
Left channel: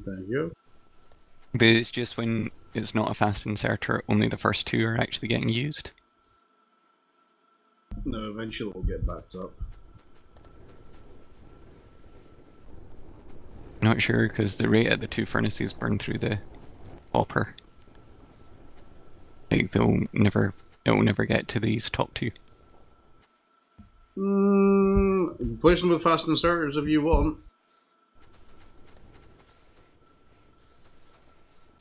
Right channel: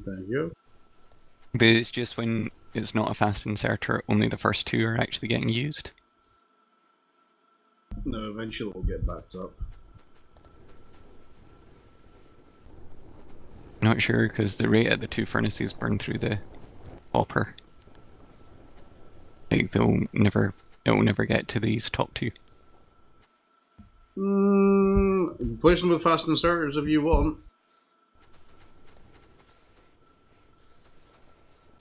There you go. But it's just when it's not a fast inserter, only the first two are actually getting used. No, eventually it'll get backed up. Not sure, because the rate at the two furnaces burn through the copper. Like, it will never get to these top two. Replace them with fast inserters if you want.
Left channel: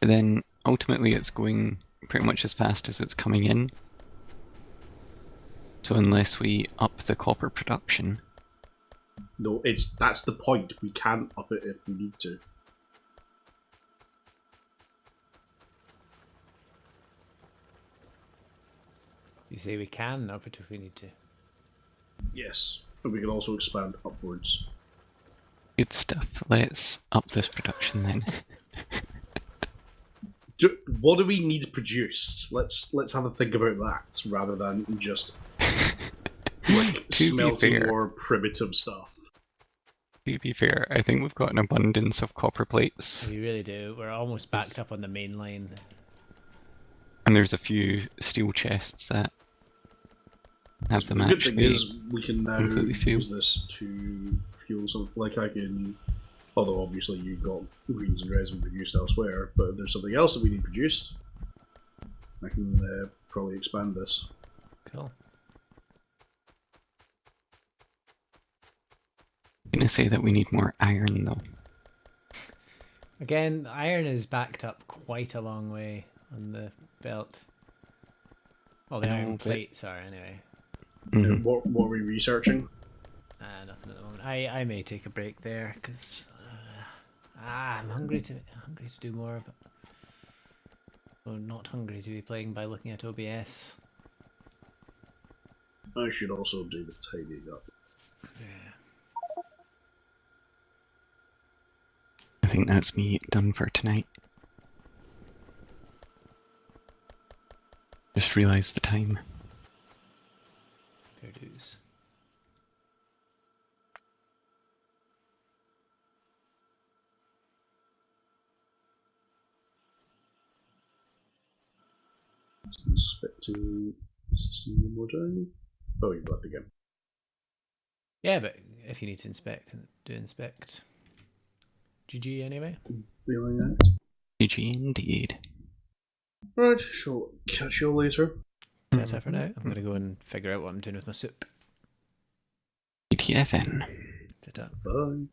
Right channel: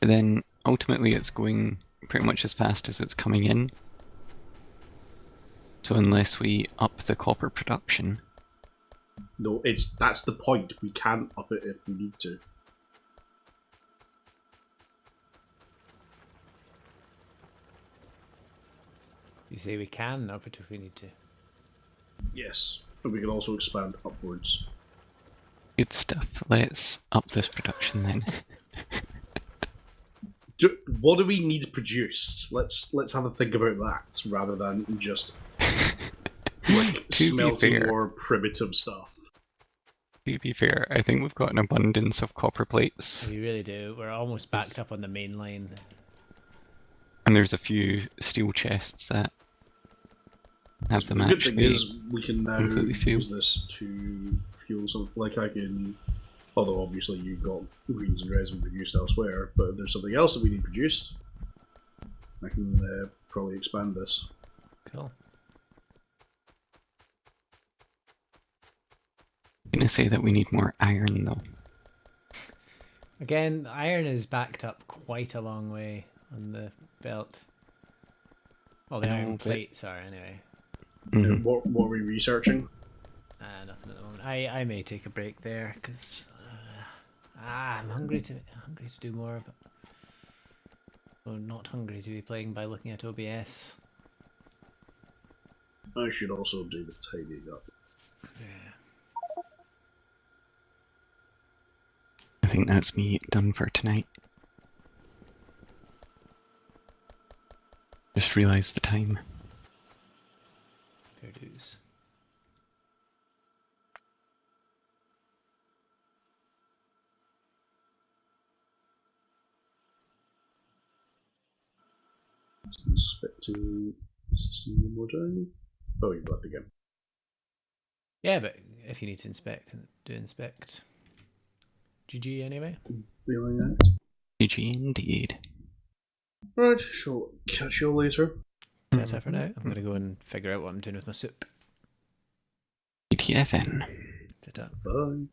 But then, ultimately it's going pretty much as fast as it's coming in. So unless we up the copper production... No, that's the point. We can up it if we need to. You say we can up it if we need to. Yes, but we can also expand upwards. Good stuff. Let's up this production then. What do we need produced? Let's have a think about that rather than just like smelting more primitive stuff. To be fair, I think we've got an abundance of copper plates. We really do. We're almost backed up on the main line. And there's a few steel chests that have them the good thing actually is we can now use this to fuel something. Like I can, although obviously you've got greens and reds we produced elsewhere, but if there's something else that we need produced, I can probably expand this. Cool. I'm gonna say that we need more iron though. Again, iron is backed up quite a long way on the belt. Well, the iron plates are anyway. Mm-hmm. What are we researching? Nothing at the moment. I may take a break there because I'm hungry to do more, but I'm not hungry to be playing by looking at OBS. I should also do the tidying up. Yeah. I think that's me done for tonight. Just realised the time. Fair dues. Inspecting system one more time. Oh, you've left again. Yeah, but if you need to inspect, do inspect. GG anyway. Feeling that. GG indeed. Right, shall catch you all later. Ta-ta for now. I'm going to go and figure out what I'm doing with my soup. TTFN. Ta-ta. Bye.